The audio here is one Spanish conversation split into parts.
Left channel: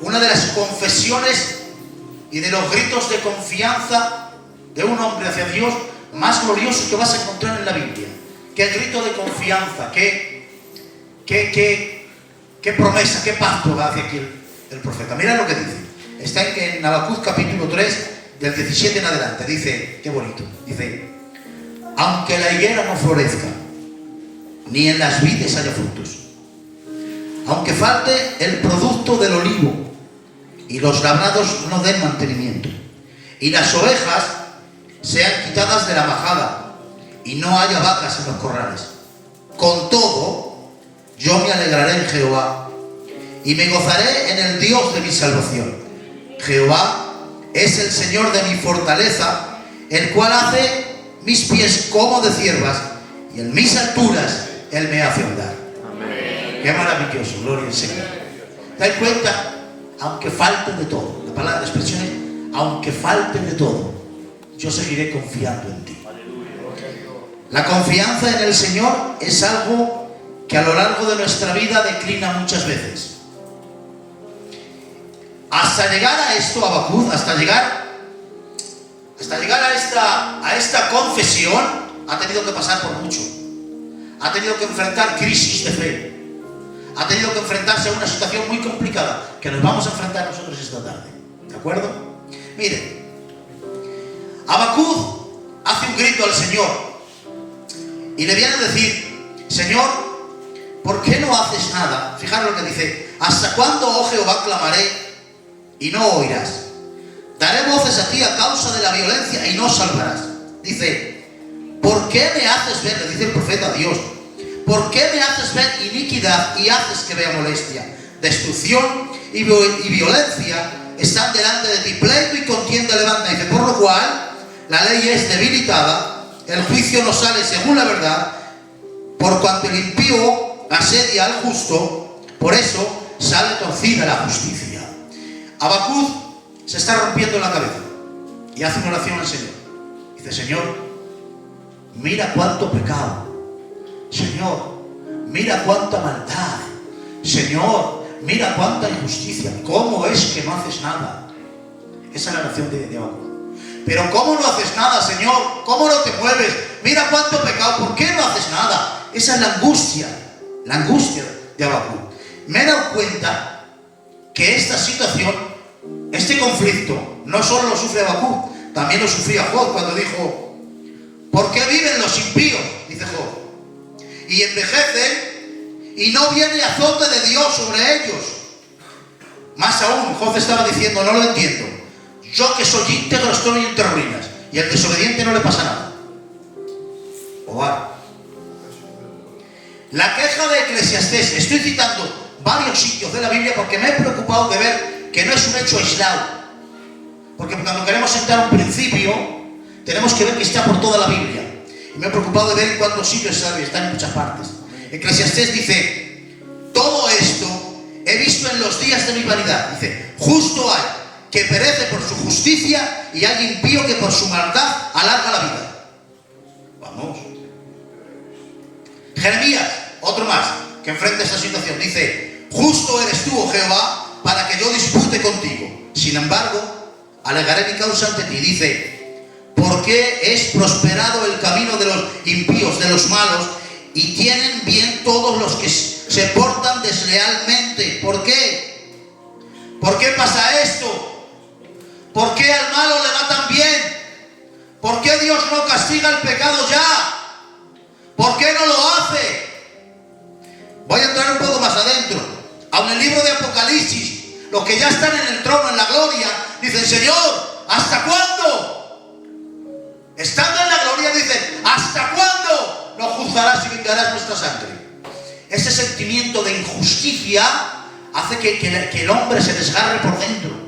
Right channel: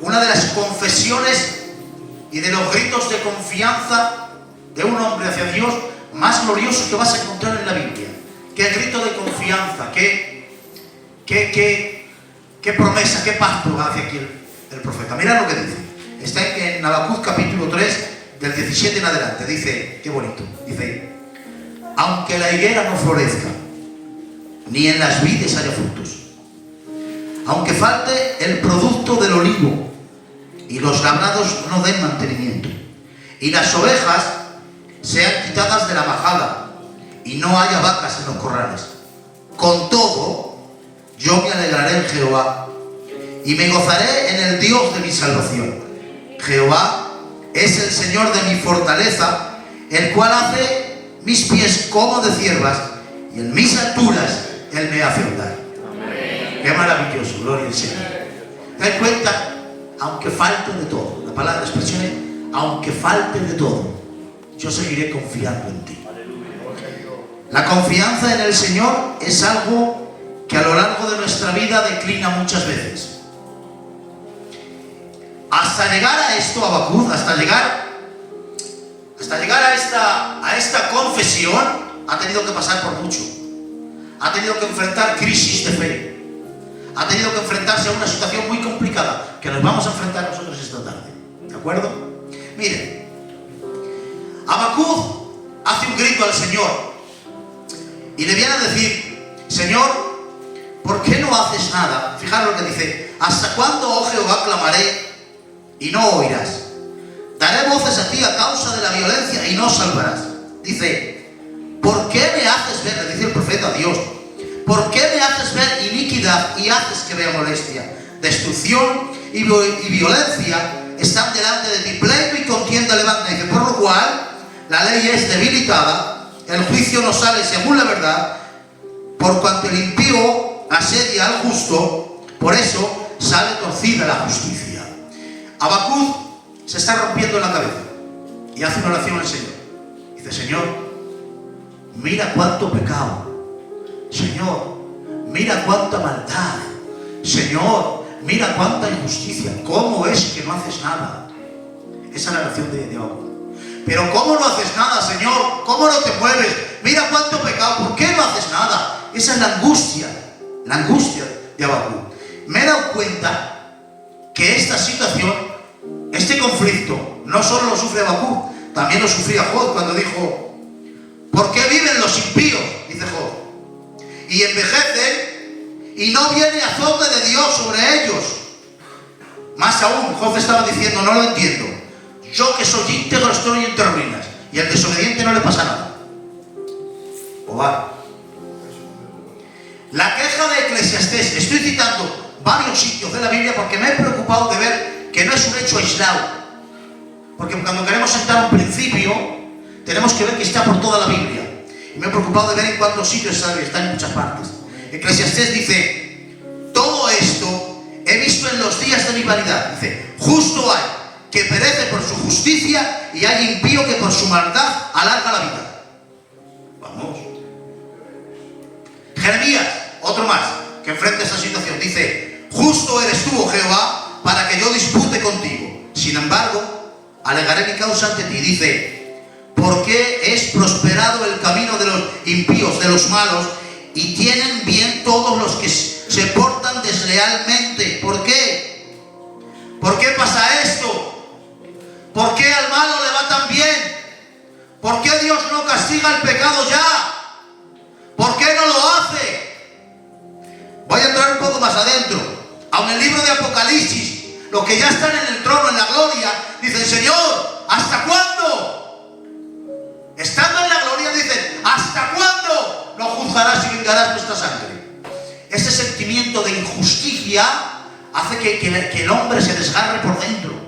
una de las confesiones y de los gritos de confianza de un hombre hacia Dios más glorioso que vas a encontrar en la Biblia. Qué grito de confianza, qué promesa, qué pacto hace aquí el profeta. Mira lo que dice. Está en Habacuc capítulo 3, del 17 en adelante. Dice, qué bonito, dice: aunque la higuera no florezca, ni en las vides haya frutos, aunque falte el producto del olivo, y los labrados no den mantenimiento, y las ovejas sean quitadas de la majada, y no haya vacas en los corrales, con todo, yo me alegraré en Jehová, y me gozaré en el Dios de mi salvación. Jehová es el Señor de mi fortaleza, el cual hace mis pies como de ciervas, y en mis alturas Él me hace andar. Amén. Qué maravilloso, gloria al Señor. Te das cuenta, aunque falte de todo, la palabra de expresión es: aunque falte de todo, yo seguiré confiando en ti. La confianza en el Señor es algo que a lo largo de nuestra vida declina muchas veces. Hasta llegar a esto, Habacuc, hasta llegar a esta confesión, ha tenido que pasar por mucho. Ha tenido que enfrentar crisis de fe. Ha tenido que enfrentarse a una situación muy complicada que nos vamos a enfrentar nosotros esta tarde. ¿De acuerdo? Miren, Habacuc hace un grito al Señor y le viene a decir: Señor, ¿por qué no haces nada? Fijaros lo que dice: ¿hasta cuándo, oh Jehová, clamaré y no oirás? Daré voces a ti a causa de la violencia y no salvarás. Dice: ¿por qué me haces ver? Le dice el profeta a Dios: ¿por qué me haces ver iniquidad y haces que vea molestia? Destrucción y violencia están delante de ti, pleito y contienda levanta. Dice: por lo cual la ley es debilitada, el juicio no sale según la verdad, por cuanto el impío asedia al justo, por eso sale torcida la justicia. Habacuc se está rompiendo la cabeza y hace una oración al Señor. Dice: Señor, mira cuánto pecado. Señor, mira cuánta maldad. Señor, mira cuánta injusticia. ¿Cómo es que no haces nada? Esa es la oración de Habacuc. Pero ¿cómo no haces nada, Señor? ¿Cómo no te mueves? Mira cuánto pecado. ¿Por qué no haces nada? Esa es la angustia de Habacuc. Me he dado cuenta que esta situación, este conflicto, no solo lo sufre Habacuc, también lo sufría Job cuando dijo: ¿por qué viven los impíos? Dice Job, y envejecen y no viene azote de Dios sobre ellos. Más aún, Job estaba diciendo: no lo entiendo. Yo que soy íntegro estoy entre ruinas, y al desobediente no le pasa nada. La queja de Eclesiastés, estoy citando varios sitios de la Biblia porque me he preocupado de ver que no es un hecho aislado. Porque cuando queremos sentar un principio, tenemos que ver que está por toda la Biblia. Y me he preocupado de ver en cuántos sitios está en muchas partes. Eclesiastés dice: todo esto he visto en los días de mi vanidad. Dice: justo hay que perece por su justicia y hay impío que por su maldad alarga la vida. Vamos. Jeremías, otro más, que enfrenta esta situación, dice: justo eres tú, oh Jehová, para que yo dispute contigo. Sin embargo, alegaré mi causa ante ti. Dice: porque es prosperado el camino de los impíos, de los malos, y tienen bien todos los que se portan deslealmente. ¿Por qué? ¿Por qué pasa esto? ¿Por qué al malo le va tan bien? ¿Por qué Dios no castiga el pecado ya? ¿Por qué no lo hace? Voy a entrar un poco más adentro. Aun en el libro de Apocalipsis, los que ya están en el trono, en la gloria, dicen: Señor, ¿hasta cuándo? Estando en la gloria dicen: ¿hasta cuándo no juzgarás y vengarás nuestra sangre? Ese sentimiento de injusticia hace que el hombre se desgarre por dentro.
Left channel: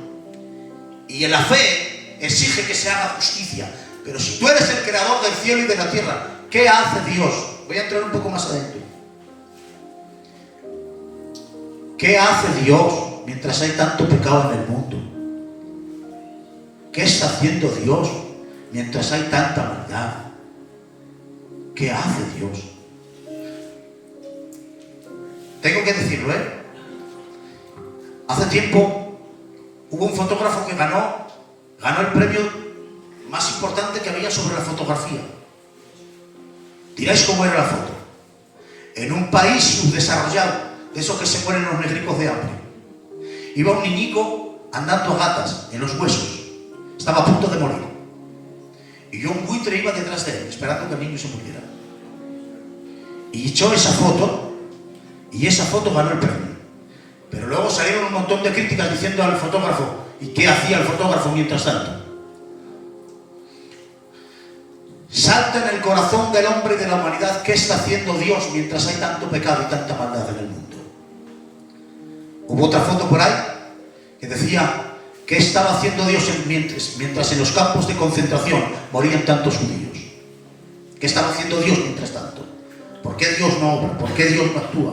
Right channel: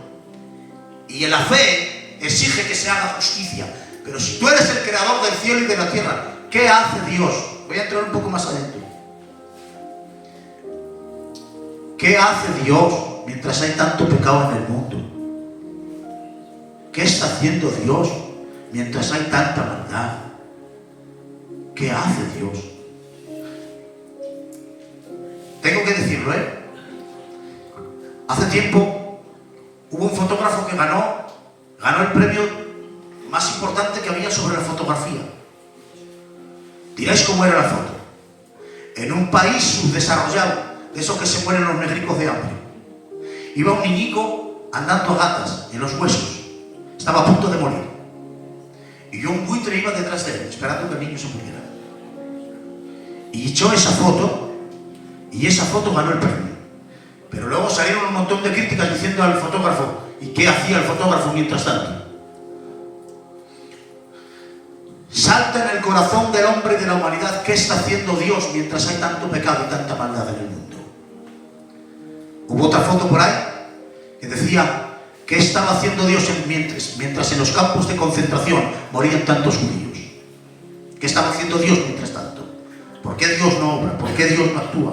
Y en la fe exige que se haga justicia. Pero si tú eres el creador del cielo y de la tierra, ¿qué hace Dios? Voy a entrar un poco más adentro. ¿Qué hace Dios mientras hay tanto pecado en el mundo? ¿Qué está haciendo Dios mientras hay tanta maldad? ¿Qué hace Dios? Tengo que decirlo, Hace tiempo hubo un fotógrafo que ganó el premio más importante que había sobre la fotografía. Diréis cómo era la foto. En un país subdesarrollado, de esos que se mueren los negricos de hambre, iba un niñico andando a gatas en los huesos, estaba a punto de morir, y un buitre iba detrás de él esperando que el niño se muriera, y echó esa foto, y esa foto ganó el premio. Pero luego salieron un montón de críticas diciendo al fotógrafo, ¿y qué hacía el fotógrafo mientras tanto? Salta en el corazón del hombre y de la humanidad, ¿qué está haciendo Dios mientras hay tanto pecado y tanta maldad en el mundo? Hubo otra foto por ahí que decía, ¿qué estaba haciendo Dios mientras en los campos de concentración morían tantos judíos? ¿Qué estaba haciendo Dios mientras tanto? ¿Por qué Dios no obra? ¿Por qué Dios no actúa?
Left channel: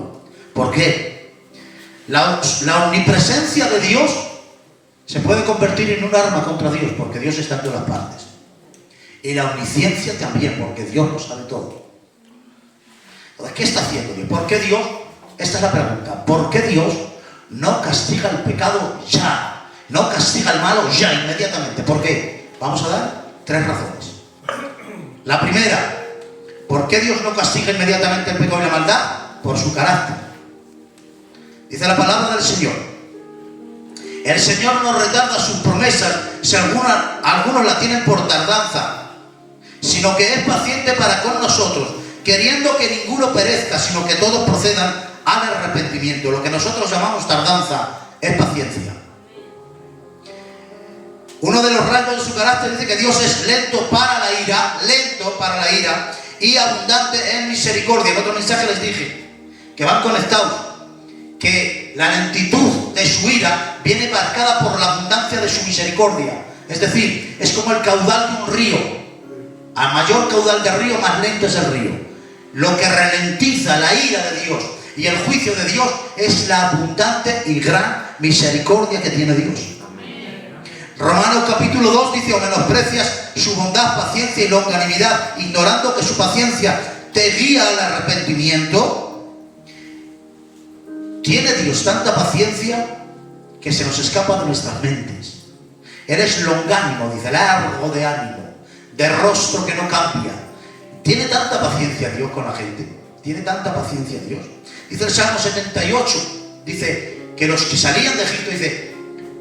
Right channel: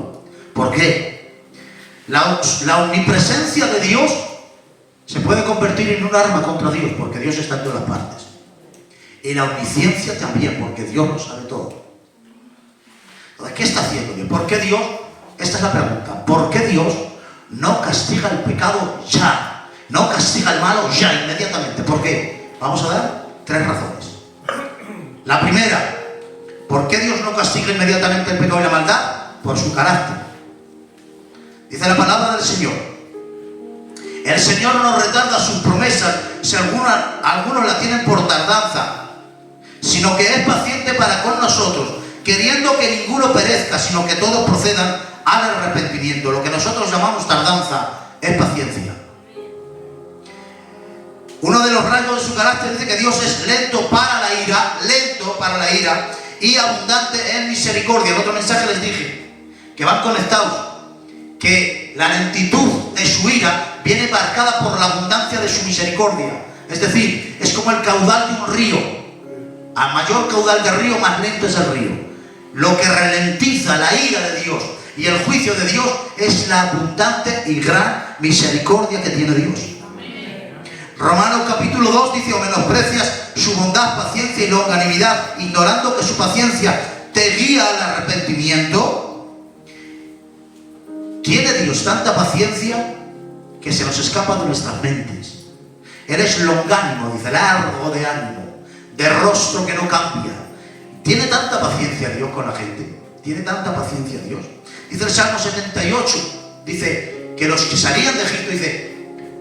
¿Por qué? La omnipresencia de Dios se puede convertir en un arma contra Dios, porque Dios está en todas las partes. Y la omnisciencia también, porque Dios lo sabe todo. Entonces, ¿qué está haciendo Dios? ¿Por qué Dios? Esta es la pregunta. ¿Por qué Dios no castiga el pecado ya? No castiga el malo ya, inmediatamente. ¿Por qué? Vamos a dar 3 razones. La primera, ¿por qué Dios no castiga inmediatamente el pecado y la maldad? Por su carácter. Dice la palabra del Señor: el Señor no retarda sus promesas, si algunos la tienen por tardanza, sino que es paciente para con nosotros, queriendo que ninguno perezca, sino que todos procedan al arrepentimiento. Lo que nosotros llamamos tardanza es paciencia. Uno de los rasgos de su carácter dice que Dios es lento para la ira y abundante en misericordia. En otro mensaje les dije que van conectados, que la lentitud de su ira viene marcada por la abundancia de su misericordia. Es decir, es como el caudal de un río. A mayor caudal de río, más lento es el río. Lo que ralentiza la ira de Dios y el juicio de Dios es la abundante y gran misericordia que tiene Dios. Romanos capítulo 2 dice: o menosprecias su bondad, paciencia y longanimidad, ignorando que su paciencia te guía al arrepentimiento. Tiene Dios tanta paciencia que se nos escapa de nuestras mentes. Eres longánimo, dice, largo de ánimo, de rostro que no cambia. Tiene tanta paciencia Dios con la gente. Tiene tanta paciencia Dios. Dice el Salmo 78, dice que los que salían de Egipto, dice,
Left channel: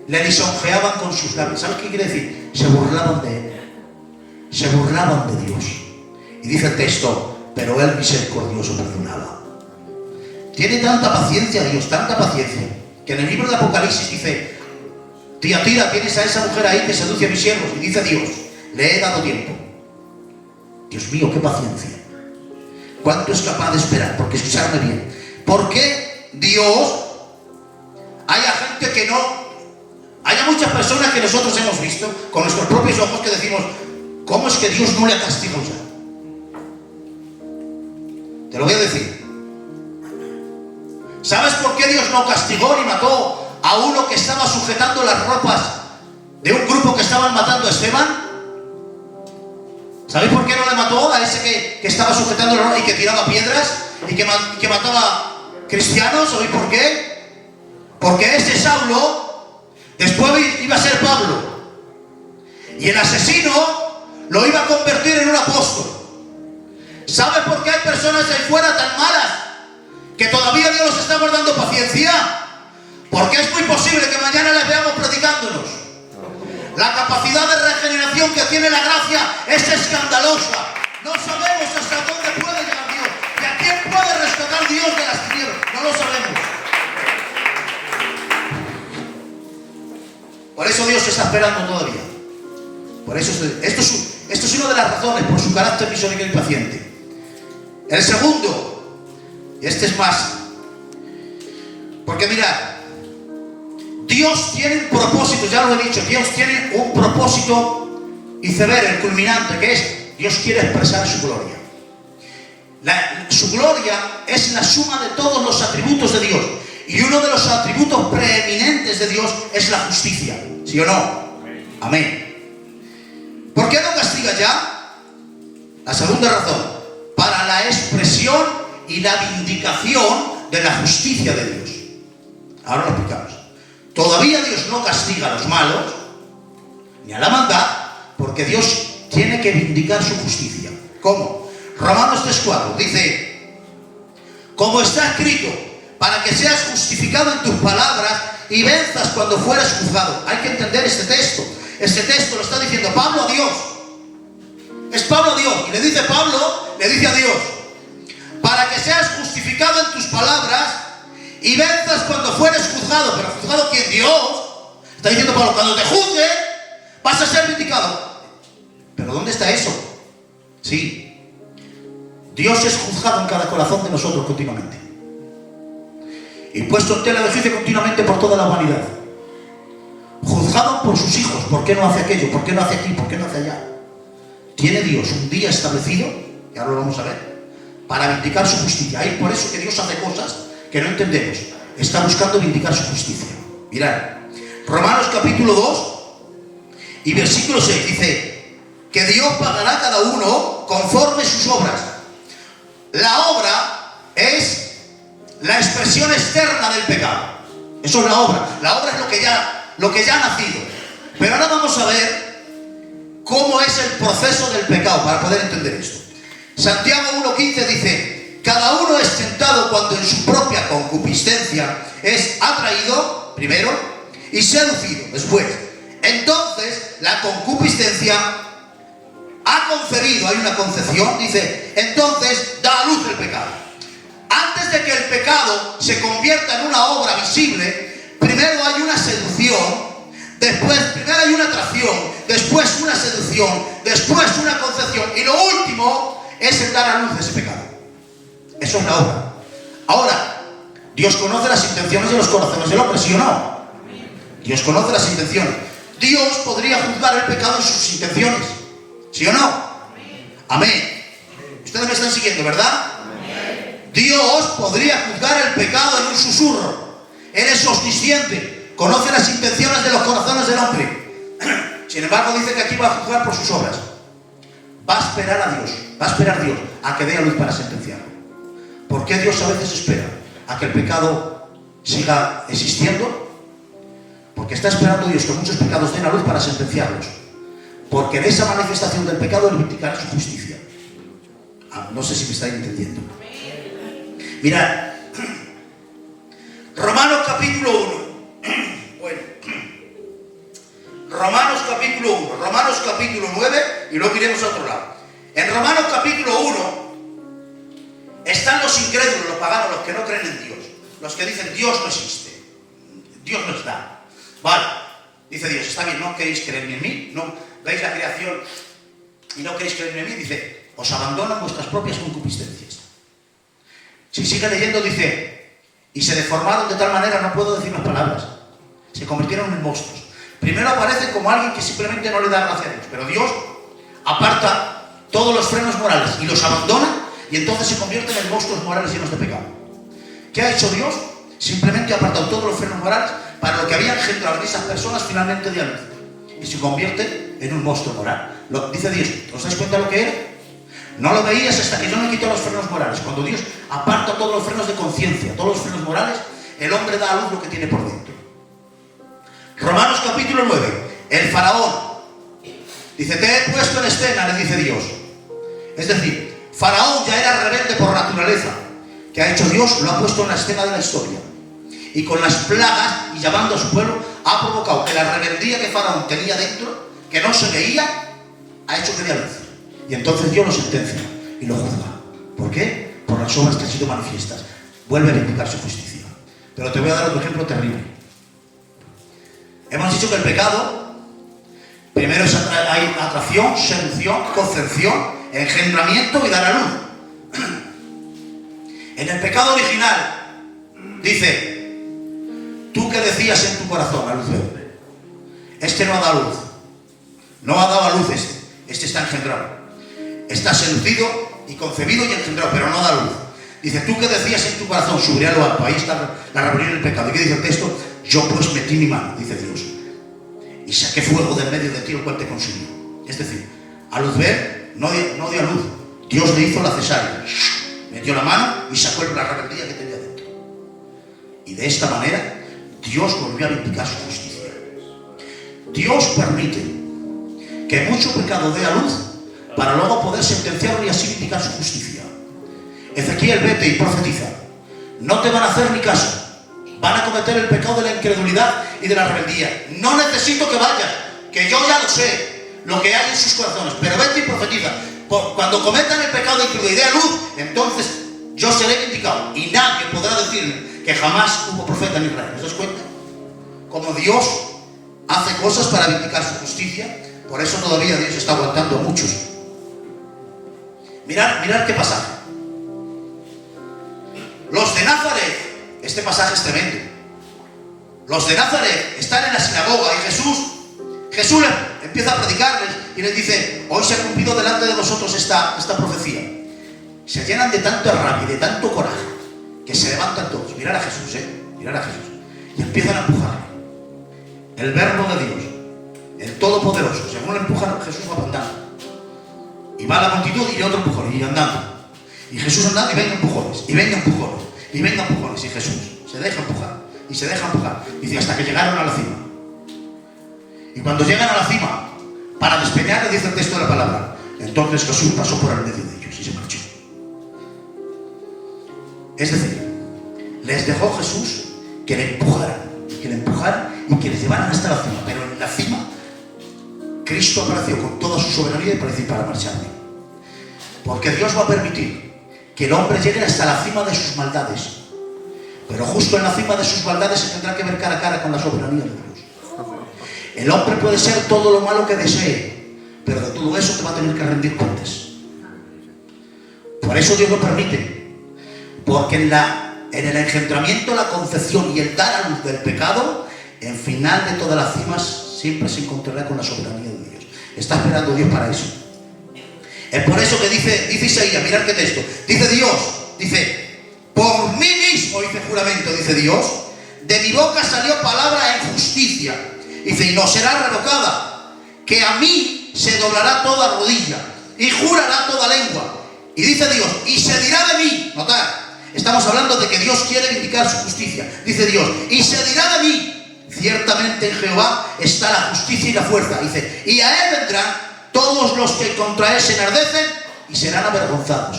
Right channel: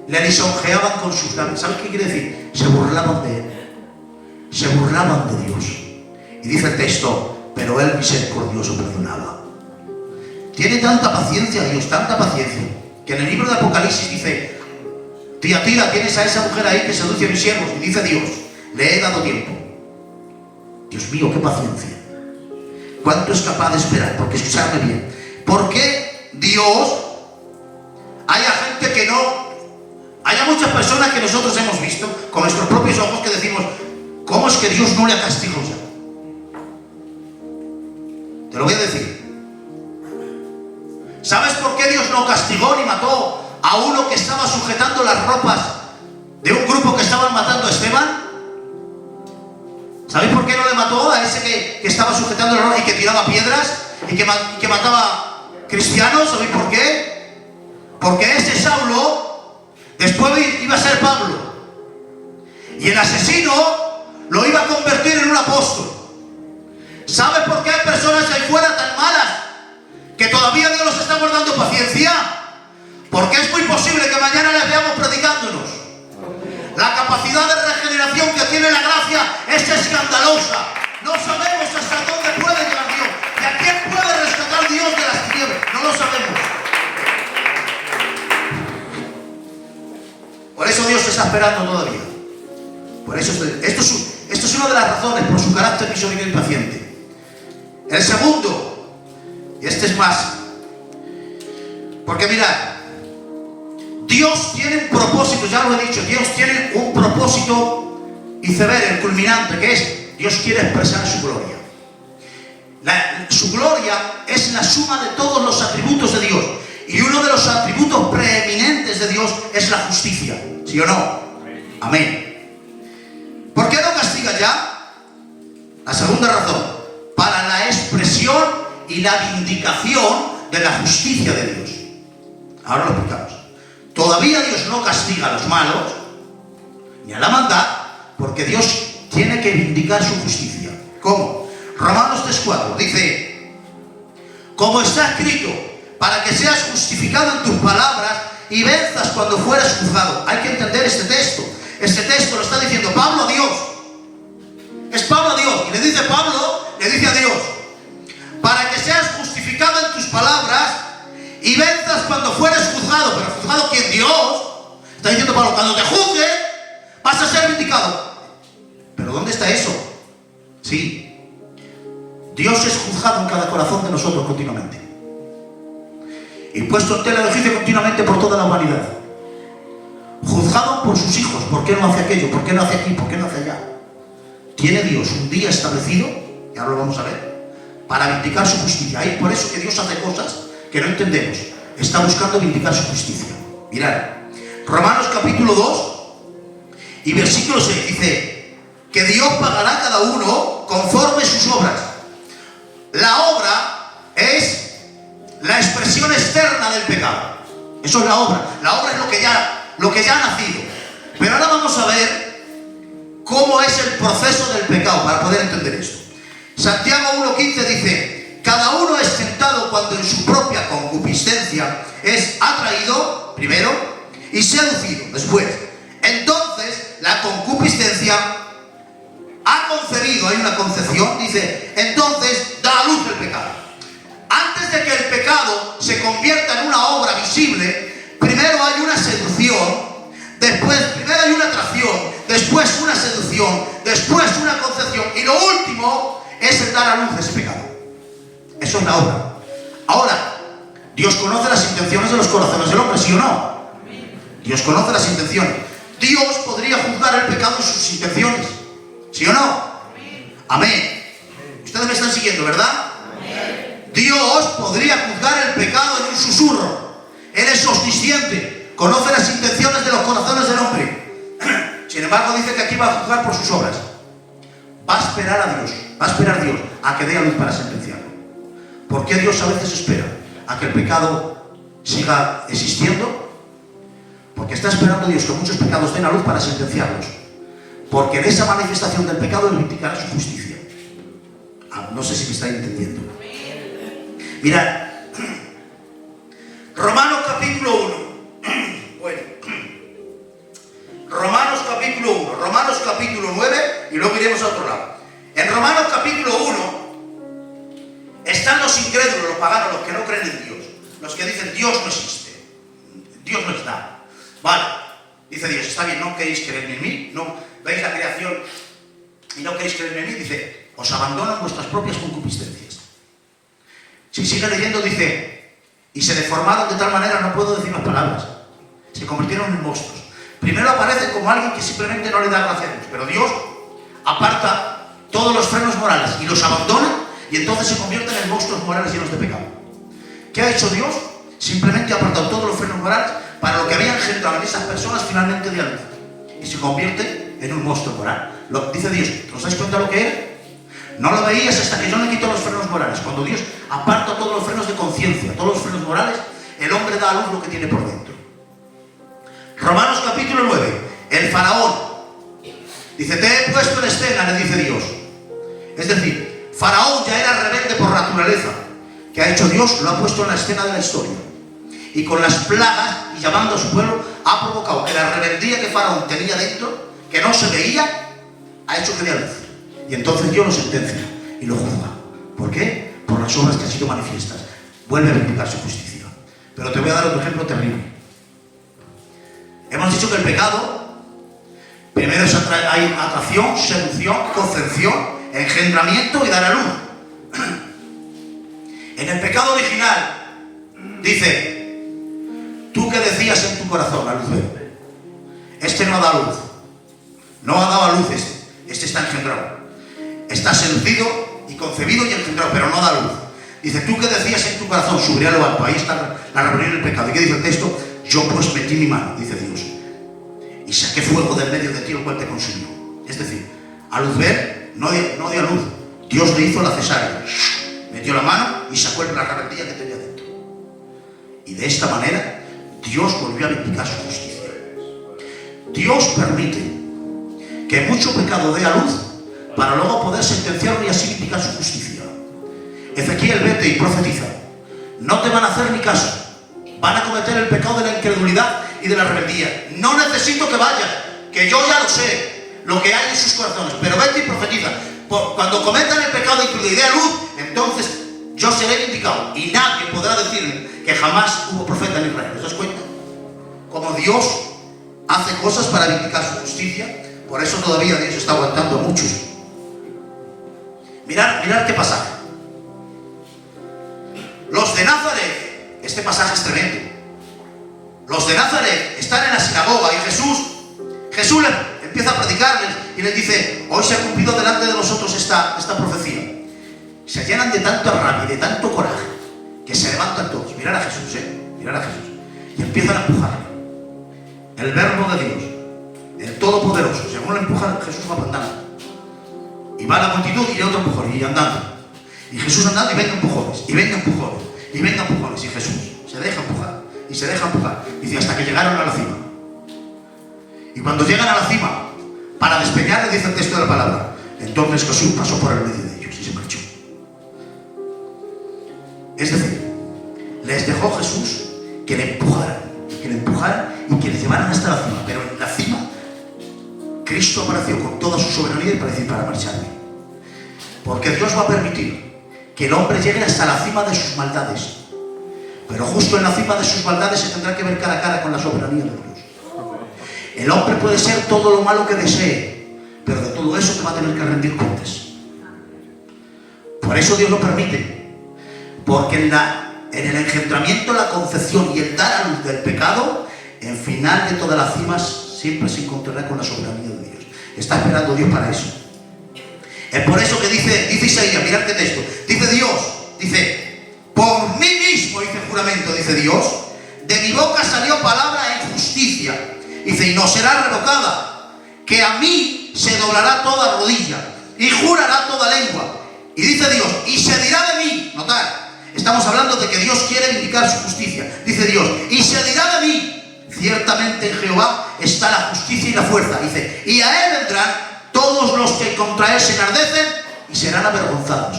le lisonjeaban con sus labios. ¿Sabes qué quiere decir? Se burlaban de él. Se burlaban de Dios. Y dice el texto, pero él misericordioso perdonaba. Tiene tanta paciencia Dios, tanta paciencia, que en el libro de Apocalipsis dice: Tiatira, tienes a esa mujer ahí que seduce a mis siervos. Y dice Dios: le he dado tiempo. Dios mío, qué paciencia. ¿Cuánto es capaz de esperar? Porque escuchadme bien. ¿Por qué Dios haya gente que no? Haya muchas personas que nosotros hemos visto con nuestros propios ojos que decimos: ¿cómo es que Dios no le ha castigado ya? Te lo voy a decir. ¿Sabes por qué Dios no castigó ni mató a uno que estaba sujetando las ropas de un grupo que estaban matando a Esteban? ¿Sabéis por qué no le mató a ese que estaba sujetando las ropas y que tiraba piedras y que mataba cristianos? ¿Sabéis por qué? Porque ese Saulo después iba a ser Pablo, y el asesino lo iba a convertir en un apóstol. ¿Sabes por qué hay personas ahí fuera tan malas que todavía Dios los está guardando paciencia? Porque es muy posible que mañana les veamos predicándonos. La capacidad de regeneración que tiene la gracia es escandalosa. No sabemos hasta dónde puede llegar Dios y a quién puede rescatar Dios de las tinieblas. No lo sabemos. Por eso Dios está esperando todavía. Por eso esto es una de las razones, por su carácter misericordioso y paciente. El segundo, y este es más, porque mirad, Dios tiene un propósito, ya lo he dicho, Dios tiene un propósito iceberg, el culminante, que es: Dios quiere expresar su gloria. Su gloria es la suma de todos los atributos de Dios, y uno de los atributos preeminentes de Dios es la justicia, ¿sí o no? Amén. ¿Por qué no castiga ya? La segunda razón: para la expresión y la vindicación de la justicia de Dios. Ahora lo explicamos. Todavía Dios no castiga a los malos, ni a la maldad, porque Dios tiene que vindicar su justicia. ¿Cómo? Romanos 3:4 dice: como está escrito, para que seas justificado en tus palabras y venzas cuando fueres juzgado. Hay que entender este texto. Este texto lo está diciendo Pablo a Dios. Es Pablo a Dios. Y le dice Pablo, le dice a Dios: para que seas justificado en tus palabras y venzas cuando fueres juzgado. ¿Pero juzgado quién? Dios. Está diciendo Pablo: cuando te juzgue, vas a ser vindicado. ¿Pero dónde está eso? Sí. Dios es juzgado en cada corazón de nosotros continuamente. Y puesto en tela de juicio continuamente por toda la humanidad. Juzgado por sus hijos. ¿Por qué no hace aquello? ¿Por qué no hace aquí? ¿Por qué no hace allá? Tiene Dios un día establecido, y ahora lo vamos a ver, para vindicar su justicia. Y por eso que Dios hace cosas que no entendemos. Está buscando vindicar su justicia. Mirad, Romanos capítulo 2 y versículo 6 dice que Dios pagará a cada uno conforme sus obras. La obra es la expresión externa del pecado. Eso es la obra. La obra es lo que ya ha nacido. Pero ahora vamos a ver cómo es el proceso del pecado para poder entender esto. Santiago 1:15 dice: cada uno es tentado cuando en su propia concupiscencia es atraído, primero, y seducido, después. Entonces, la concupiscencia ha concebido, hay una concepción, dice, entonces da a luz el pecado. Antes de que el pecado se convierta en una obra visible, primero hay una seducción, primero hay una atracción, después una seducción, después una concepción, y lo último es el dar a luz ese pecado. Eso es la obra. Ahora, Dios conoce las intenciones de los corazones del hombre, ¿sí o no? Dios conoce las intenciones. Dios podría juzgar el pecado en sus intenciones, ¿sí o no? Amén. Ustedes me están siguiendo, ¿verdad? Dios podría juzgar el pecado en un susurro. Él es omnisciente, conoce las intenciones de los corazones del hombre. Sin embargo, dice que aquí va a juzgar por sus obras. Va a esperar a Dios, va a esperar Dios a que dé a luz para sentenciarlo. ¿Por qué Dios a veces espera a que el pecado siga existiendo? Porque está esperando Dios que muchos pecados den a luz para sentenciarlos. Porque en esa manifestación del pecado Él vindicará su justicia. No sé si me estáis entendiendo. Mirad, Romanos capítulo 1. Bueno, Romanos capítulo 1, Romanos capítulo 9, y luego iremos a otro lado. En Romanos capítulo 1 están los incrédulos, los paganos, los que no creen en Dios, los que dicen Dios no existe, Dios no está. Vale, dice Dios, está bien, no queréis creer en mí, no veis la creación y no queréis creer en mí, dice, os abandonan vuestras propias concupiscencias. Si sigue leyendo, dice, y se deformaron de tal manera, no puedo decir las palabras, se convirtieron en monstruos. Primero aparece como alguien que simplemente no le da gracia a Dios, pero Dios aparta todos los frenos morales y los abandona, y entonces se convierten en monstruos morales llenos de pecado. ¿Qué ha hecho Dios? Simplemente ha apartado todos los frenos morales para lo que había engendrado en esas personas finalmente de luz, y se convierte en un monstruo moral. Lo dice Dios, ¿os dais cuenta lo que era? No lo veías hasta que yo le quito los frenos morales. Cuando Dios aparta todos los frenos de conciencia, todos los frenos morales, el hombre da a luz lo que tiene por dentro. Romanos capítulo 9, el faraón dice, te he puesto en escena, le dice Dios. Es decir, faraón ya era rebelde por naturaleza. ¿Qué ha hecho Dios? Lo ha puesto en la escena de la historia. Y con las plagas, y llamando a su pueblo, ha provocado que la rebeldía que faraón tenía dentro, que no se veía, ha hecho que dé a luz. Y entonces Dios lo sentencia y lo juzga. ¿Por qué? Por las obras que han sido manifiestas. Vuelve a vindicar su justicia. Pero te voy a dar otro ejemplo terrible. Hemos dicho que el pecado, primero hay atracción, seducción, concepción, engendramiento y dar a luz. En el pecado original, dice, tú que decías en tu corazón, a luz verde, este no ha dado luz. No ha dado a luz este está engendrado. Está seducido y concebido y engendrado, pero no da luz. Dice, tú que decías en tu corazón, subiré a lo alto, ahí está la rebelión del pecado. ¿Y qué dice el texto? Yo pues metí mi mano, dice Dios, y saqué fuego de en medio de ti, el cual te consumió. Es decir, a luz ver, no dio a luz. Dios le hizo la cesárea, metió la mano y sacó la rebeldía que tenía dentro. Y de esta manera, Dios volvió a vindicar su justicia. Dios permite que mucho pecado dé a luz para luego poder sentenciarlo y así vindicar su justicia. Ezequiel, vete y profetiza. No te van a hacer ni caso. Van a cometer el pecado de la incredulidad y de la rebeldía. No necesito que vayas, que yo ya lo sé, lo que hay en sus corazones. Pero vete y profetiza. Cuando cometan el pecado de incredulidad y dé a luz, entonces yo seré vindicado. Y nadie podrá decirme que jamás hubo profeta en Israel. ¿Os das cuenta? Como Dios hace cosas para vindicar su justicia, por eso todavía Dios está aguantando a muchos. Mirad qué pasaje. Los de Nazaret, este pasaje es tremendo. Los de Nazaret están en la sinagoga y Jesús empieza a predicarles y les dice: hoy se ha cumplido delante de vosotros esta profecía. Se llenan de tanta rabia y de tanto coraje que se levantan todos. Mirad a Jesús, mirad a Jesús. Y empiezan a empujarle. El verbo de Dios, el Todopoderoso, según lo empujan, Jesús va andando. Y va la multitud y otro empujón, y andando. Y Jesús andando y venga empujones, y venga empujones, y venga empujones. Y Jesús se deja empujar, y se deja empujar. Dice, hasta que llegaron a la cima. Y cuando llegan a la cima, para despeñarle, dice el texto de la palabra, entonces Jesús pasó por el medio de ellos y se marchó. Es decir, les dejó Jesús que le empujaran y que les llevaran hasta la cima. Pero en la cima, Cristo apareció con toda su soberanía y para decir, para marcharme. Porque Dios va a permitir que el hombre llegue hasta la cima de sus maldades. Pero justo en la cima de sus maldades se tendrá que ver cara a cara con la soberanía de Dios. El hombre puede ser todo lo malo que desee, pero de todo eso te va a tener que rendir cuentas. Por eso Dios lo permite. Porque en el engendramiento, la concepción y el dar a luz del pecado, en final de todas las cimas siempre se encontrará con la soberanía de Dios. Está esperando Dios para eso. Es por eso que dice Isaías, mirad qué texto. Dice Dios, por mí mismo hice juramento, dice Dios, de mi boca salió palabra en justicia. Dice, y no será revocada, que a mí se doblará toda rodilla y jurará toda lengua. Y dice Dios, y se dirá de mí, notad, estamos hablando de que Dios quiere vindicar su justicia. Dice Dios, y se dirá de mí, ciertamente en Jehová está la justicia y la fuerza. Dice, y a él vendrán todos los que contra él se enardecen y serán avergonzados.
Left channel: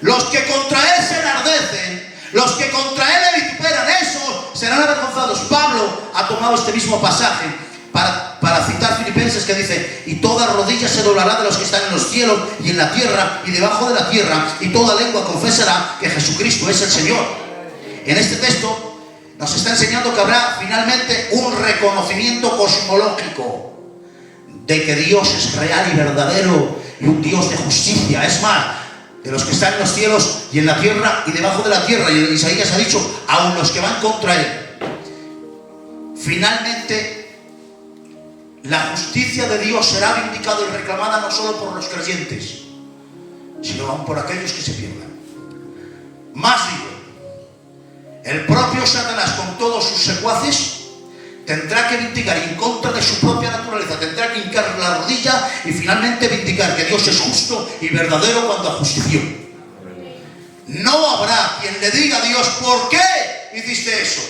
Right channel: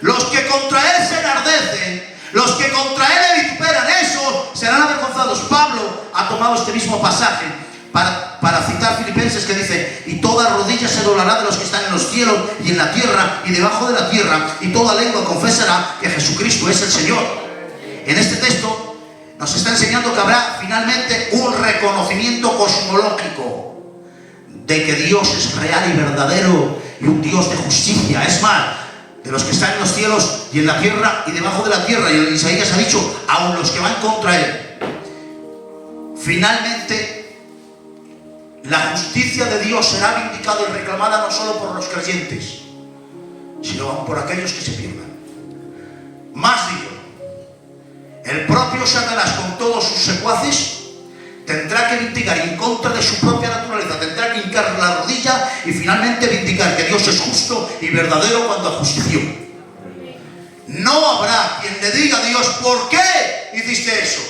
Los que contra él se enardecen, los que contra él le vituperan, esos serán avergonzados. Pablo ha tomado este mismo pasaje para citar Filipenses, que dice, y toda rodilla se doblará de los que están en los cielos y en la tierra y debajo de la tierra, y toda lengua confesará que Jesucristo es el Señor. En este texto nos está enseñando que habrá finalmente un reconocimiento cosmológico de que Dios es real y verdadero y un Dios de justicia. Es más, de los que están en los cielos y en la tierra y debajo de la tierra, y Isaías ha dicho, aun los que van contra él. Finalmente, la justicia de Dios será vindicada y reclamada no solo por los creyentes, sino aún por aquellos que se pierdan. Más digo, el propio Satanás con todos sus secuaces tendrá que vindicar en contra de su propia naturaleza, tendrá que hincar la rodilla y finalmente vindicar que Dios es justo y verdadero cuando ajustició. No habrá quien le diga a Dios, ¿por qué hiciste eso?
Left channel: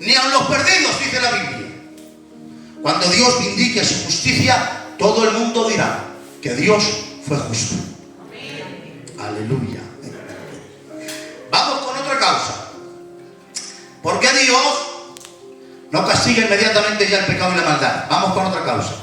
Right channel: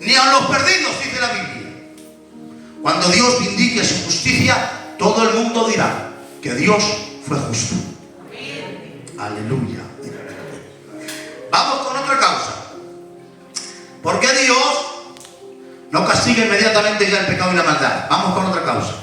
Ni a los perdidos, dice la Biblia. Cuando Dios vindique su justicia, todo el mundo dirá que Dios fue justo. Aleluya. Vamos con otra causa. ¿Por qué Dios no castiga inmediatamente ya el pecado y la maldad? Vamos con otra causa.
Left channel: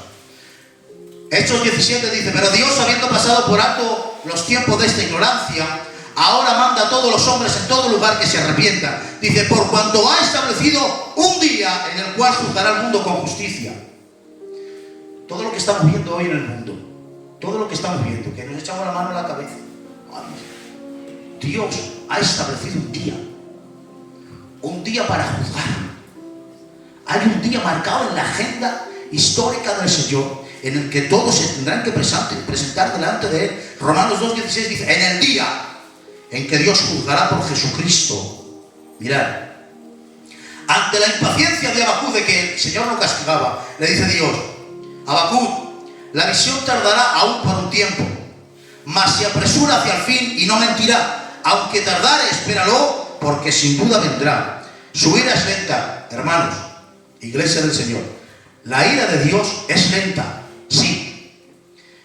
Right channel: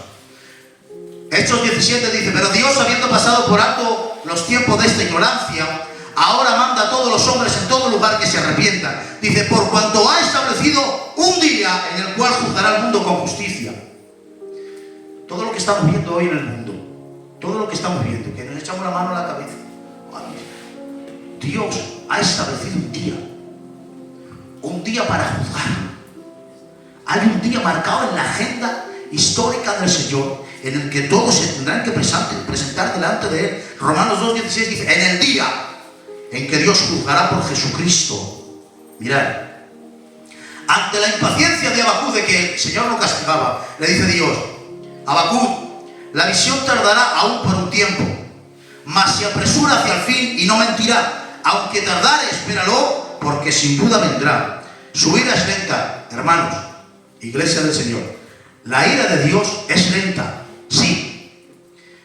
Hechos 17 dice, pero Dios, habiendo pasado por alto los tiempos de esta ignorancia, ahora manda a todos los hombres en todo lugar que se arrepientan. Dice, por cuanto ha establecido un día en el cual juzgará al mundo con justicia. Todo lo que estamos viendo hoy en el mundo, todo lo que estamos viendo, que nos echamos la mano a la cabeza. Dios ha establecido un día para juzgar. Hay un día marcado en la agenda histórica del Señor, en el que todos se tendrán que presentar delante de Él. Romanos 2:16 dice, en el día en que Dios juzgará por Jesucristo. Mirad, ante la impaciencia de Habacuc de que el Señor lo castigaba, le dice Dios, Habacuc, la visión tardará aún por un tiempo, mas se apresura hacia el fin y no mentirá. Aunque tardare, espéralo, porque sin duda vendrá. Su ira es lenta, hermanos, iglesia del Señor. La ira de Dios es lenta, sí.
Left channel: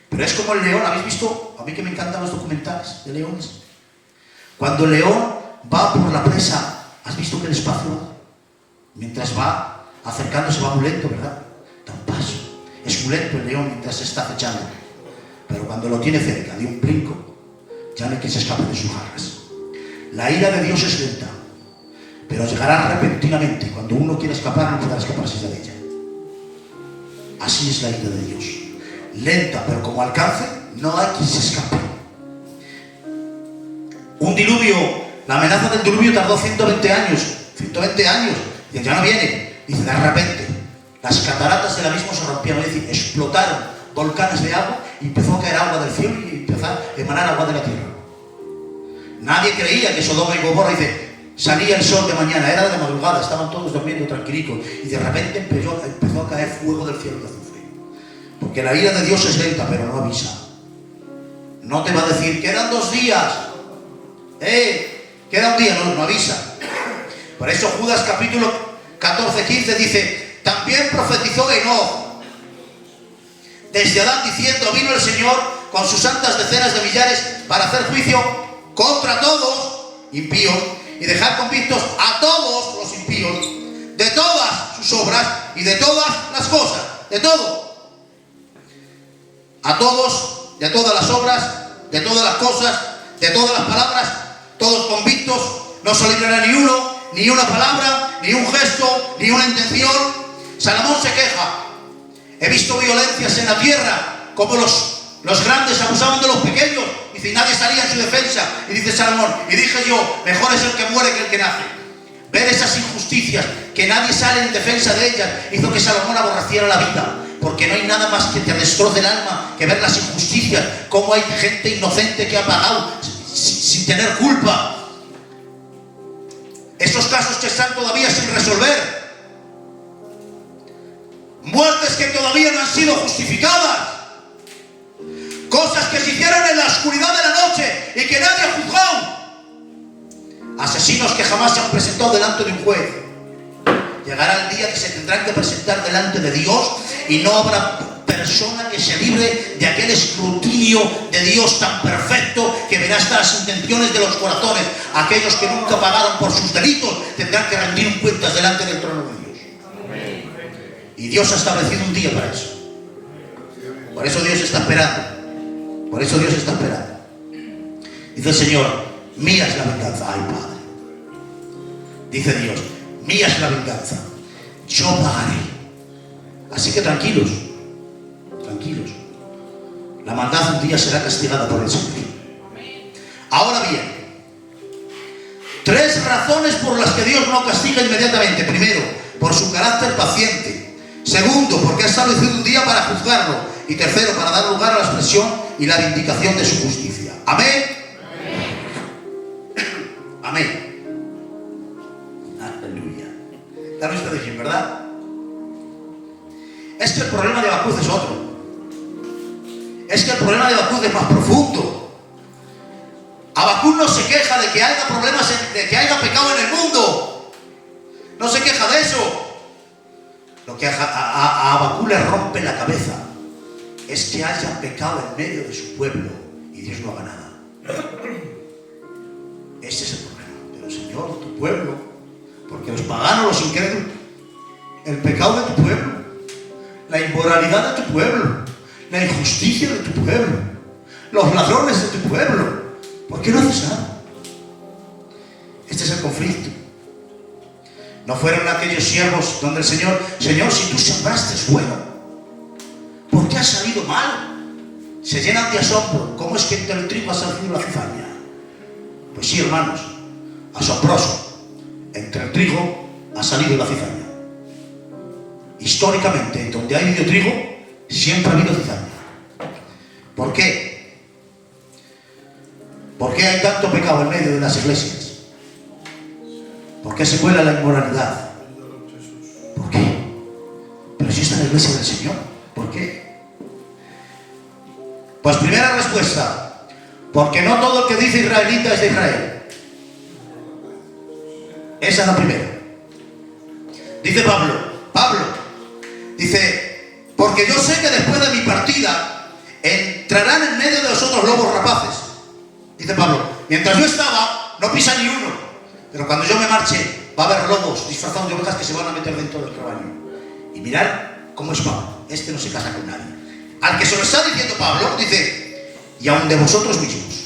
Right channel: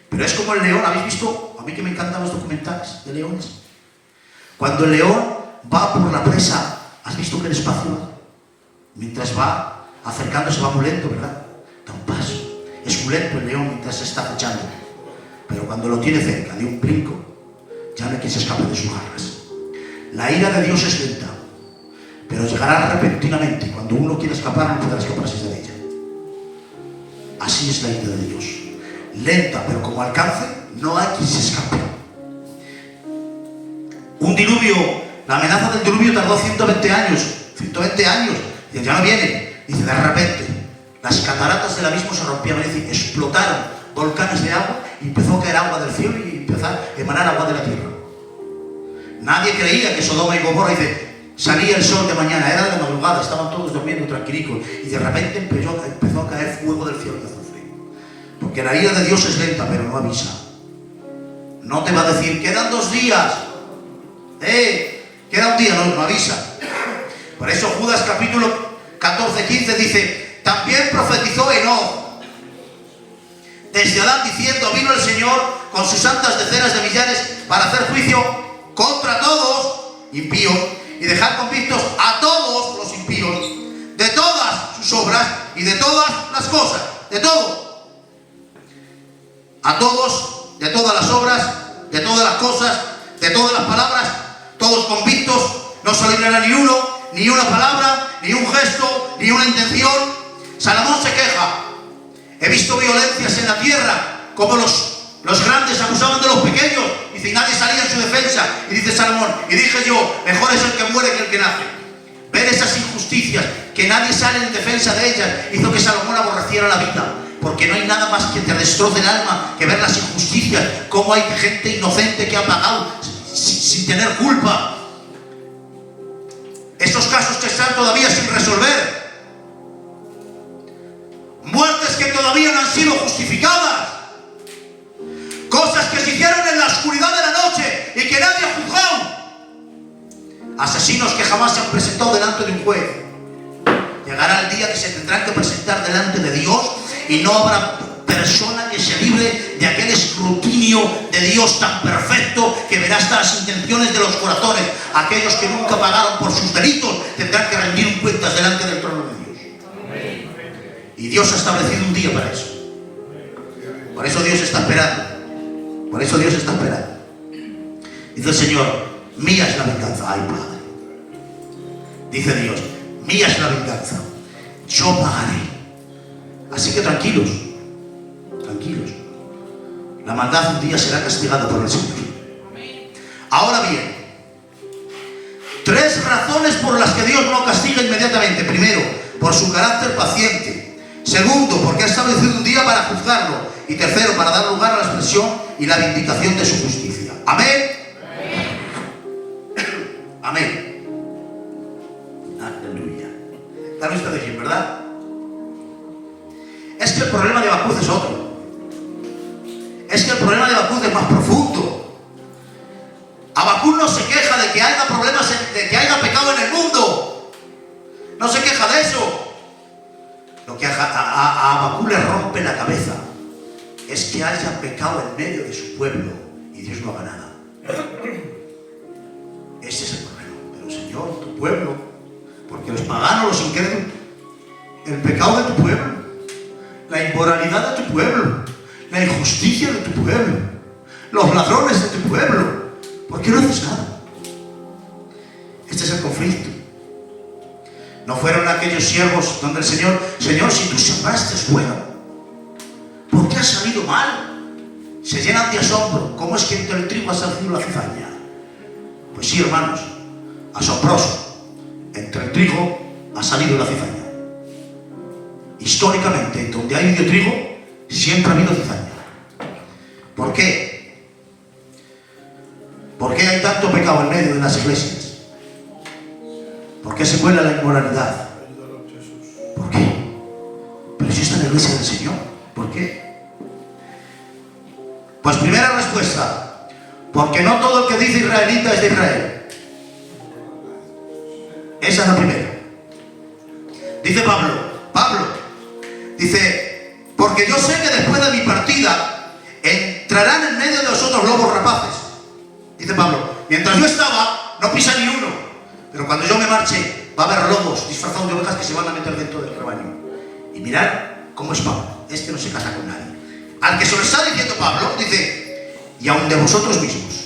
Pero es como el león, ¿habéis visto? A mí que me encantan los documentales de leones. Cuando el león va por la presa, ¿has visto que despacio? Mientras va acercándose va muy lento, ¿verdad? Da un paso. Es muy lento el león mientras se está acechando. Pero cuando lo tiene cerca, de un brinco, ya no hay quien se escape de sus garras. La ira de Dios es lenta, pero llegará repentinamente. Cuando uno quiere escapar, no podrá escaparse de ella. Así es la ira de Dios. Lenta, pero como alcance, no hay quien se escape. Un diluvio, la amenaza del diluvio tardó 120 años. 120 años. Y ya no viene. Dice, de repente, las cataratas del abismo se rompieron. Es decir, explotaron volcanes de agua y empezó a caer agua del cielo y empezó a emanar agua de la tierra. Nadie creía que Sodoma y Gomorra, dice, salía el sol de mañana, era de madrugada, estaban todos durmiendo tranquilicos y de repente empezó a caer fuego del cielo de azufre. Porque la ira de Dios es lenta, pero no avisa. No te va a decir, quedan 2 días. Queda un día, no avisa. Por eso Judas capítulo 14-15 dice, también profetizó Enoc desde Adán diciendo, vino el Señor con sus santas decenas de millares para hacer juicio contra todos impíos y dejar convictos a todos los impíos de todas sus obras y de todas las cosas, de todo. A todos, de todas las obras, de todas las cosas, de todas las palabras, todos convictos, no se librará ni uno, ni una palabra, ni un gesto, ni una intención. Salomón se queja. He visto violencias en la tierra, como los grandes abusaban de los pequeños. Dice, y nadie salía en su defensa. Y dice Salomón, y dije yo, mejor es el que muere que el que nace. Ver esas injusticias, que nadie sale en defensa de ellas, hizo que Salomón aborreciera la vida. Porque no hay nada más que te destroce el alma que ver las injusticias, cómo hay gente inocente que ha pagado sin tener culpa. Estos casos que están todavía sin resolver. Muertes que todavía no han sido justificadas. Cosas que se hicieron en la oscuridad de la noche y que nadie ha juzgado. Asesinos que jamás se han presentado delante de un juez. Llegará el día que se tendrán que presentar delante de Dios y no habrá persona que se libre de aquel escrutinio de Dios tan perfecto que verá hasta las intenciones de los corazones. Aquellos que nunca pagaron por sus delitos tendrán que rendir cuentas delante del trono de Dios. Y Dios ha establecido un día para eso. Por eso Dios está esperando. Por eso Dios está esperando. Dice el Señor, mía es la venganza. Ay, Padre. Dice Dios, mía es la venganza. Yo pagaré. Así que tranquilos. Tranquilos. La maldad un día será castigada por el Señor. Ahora bien, 3 razones por las que Dios no castiga inmediatamente. Primero, por su carácter paciente. Segundo, porque ha establecido un día para juzgarlo. Y tercero, para dar lugar a la expresión y la vindicación de su justicia. Amén. Amén. Aleluya. ¿Están ustedes bien, verdad? Es que el problema de Habacuc es otro. Es que el problema de Habacuc es más profundo. Habacuc no se queja de que haya problemas, de que haya pecado en el mundo. No se queja de eso. Lo que a Habacuc le rompe la cabeza es que haya pecado en medio de su pueblo y Dios no haga nada. Ese es el problema. Pero Señor, tu pueblo, porque los paganos, los incrédulos, el pecado de tu pueblo, la inmoralidad de tu pueblo, la injusticia de tu pueblo, los ladrones de tu pueblo, ¿por qué no haces nada? Este es el conflicto. No fueron aquellos siervos donde el Señor, si tú sembraste es bueno, ¿por qué ha salido mal? Se llenan de asombro. ¿Cómo es que entre el trigo ha salido la cizaña? Pues sí, hermanos, asombroso. Entre el trigo ha salido la cizaña. Históricamente, donde ha habido trigo, siempre ha habido cizaña. ¿Por qué? ¿Por qué hay tanto pecado en medio de las iglesias? ¿Por qué se cuela la inmoralidad? ¿Por qué? Pero si está en la iglesia del Señor, ¿por qué? Pues primera respuesta, porque no todo el que dice israelita es de Israel. Esa es la primera. Dice Pablo, dice, porque yo sé que después de mi partida entrarán en medio de vosotros lobos rapaces. Dice Pablo, mientras yo estaba, no pisa ni uno, pero cuando yo me marche, va a haber lobos disfrazados de ovejas que se van a meter dentro del rebaño. Y mirad cómo es Pablo, este no se casa con nadie. Al que se lo está diciendo Pablo, dice, y aun de vosotros mismos,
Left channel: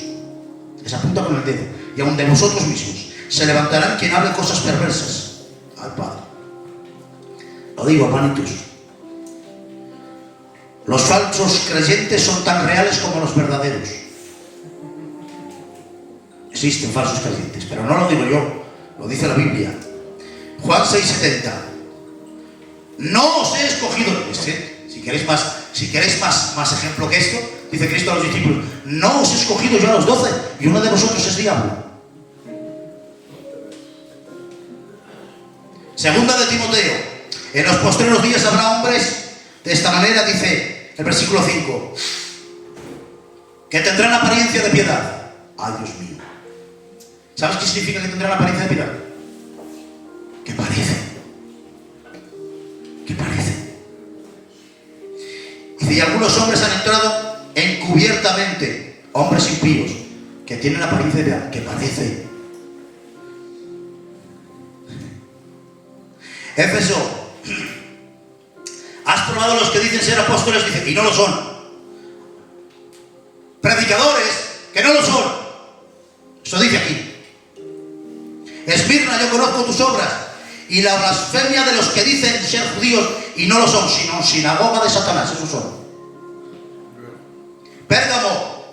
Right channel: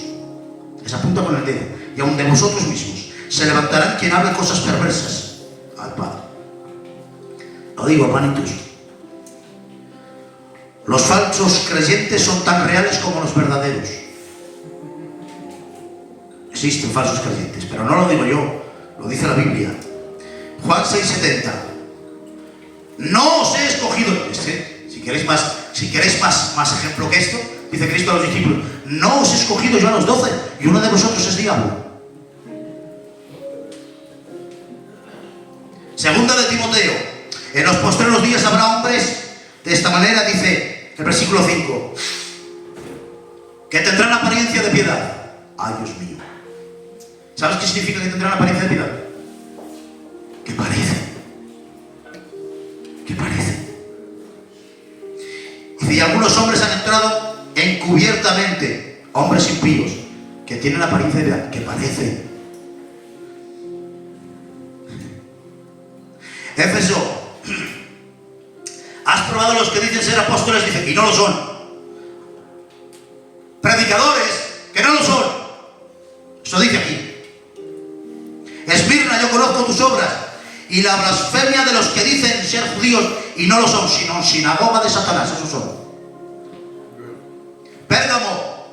les apunta con el dedo, y aun de vosotros mismos, se levantarán quien hable cosas perversas al Padre. Lo digo, hermanitos, los falsos creyentes son tan reales como los verdaderos. Existen falsos creyentes, pero no lo digo yo, lo dice la Biblia. Juan 6:70. No os he escogido, si queréis más ejemplo que esto, dice Cristo a los discípulos, no os he escogido yo a los 12, y uno de vosotros es diablo. Segunda de Timoteo. En los postreros días habrá hombres de esta manera, dice el versículo 5, que tendrán apariencia de piedad. Ay, Dios mío. ¿Sabes qué significa que tendrán apariencia de piedad? Que parece. Dice, y algunos hombres han entrado encubiertamente, hombres impíos, que tienen apariencia de piedad, que parece. Éfeso. Has probado a los que dicen ser apóstoles, dice, y no lo son. Predicadores, que no lo son. Eso dice aquí. Esmirna, yo conozco tus obras, y la blasfemia de los que dicen ser judíos y no lo son, sino sinagoga de Satanás. Esos son. Pérgamo,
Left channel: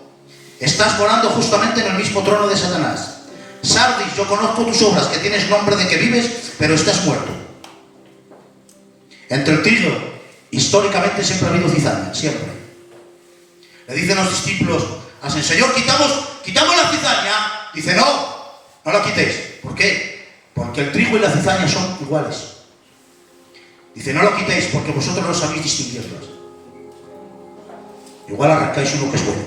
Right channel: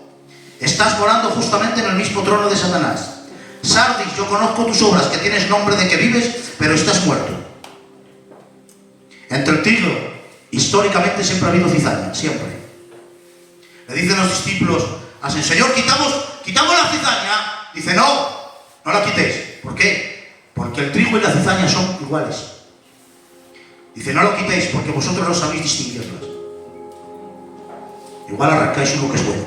estás morando justamente en el mismo trono de Satanás. Sardis, yo conozco tus obras, que tienes nombre de que vives, pero estás muerto. Entre el Tiro, históricamente siempre ha habido cizaña, siempre. Le dicen los discípulos al Señor, quitamos la cizaña. Dice, no la quitéis. ¿Por qué? Porque el trigo y la cizaña son iguales. Dice, no lo quitéis porque vosotros no sabéis distinguirlas. Igual arrancáis uno que es bueno.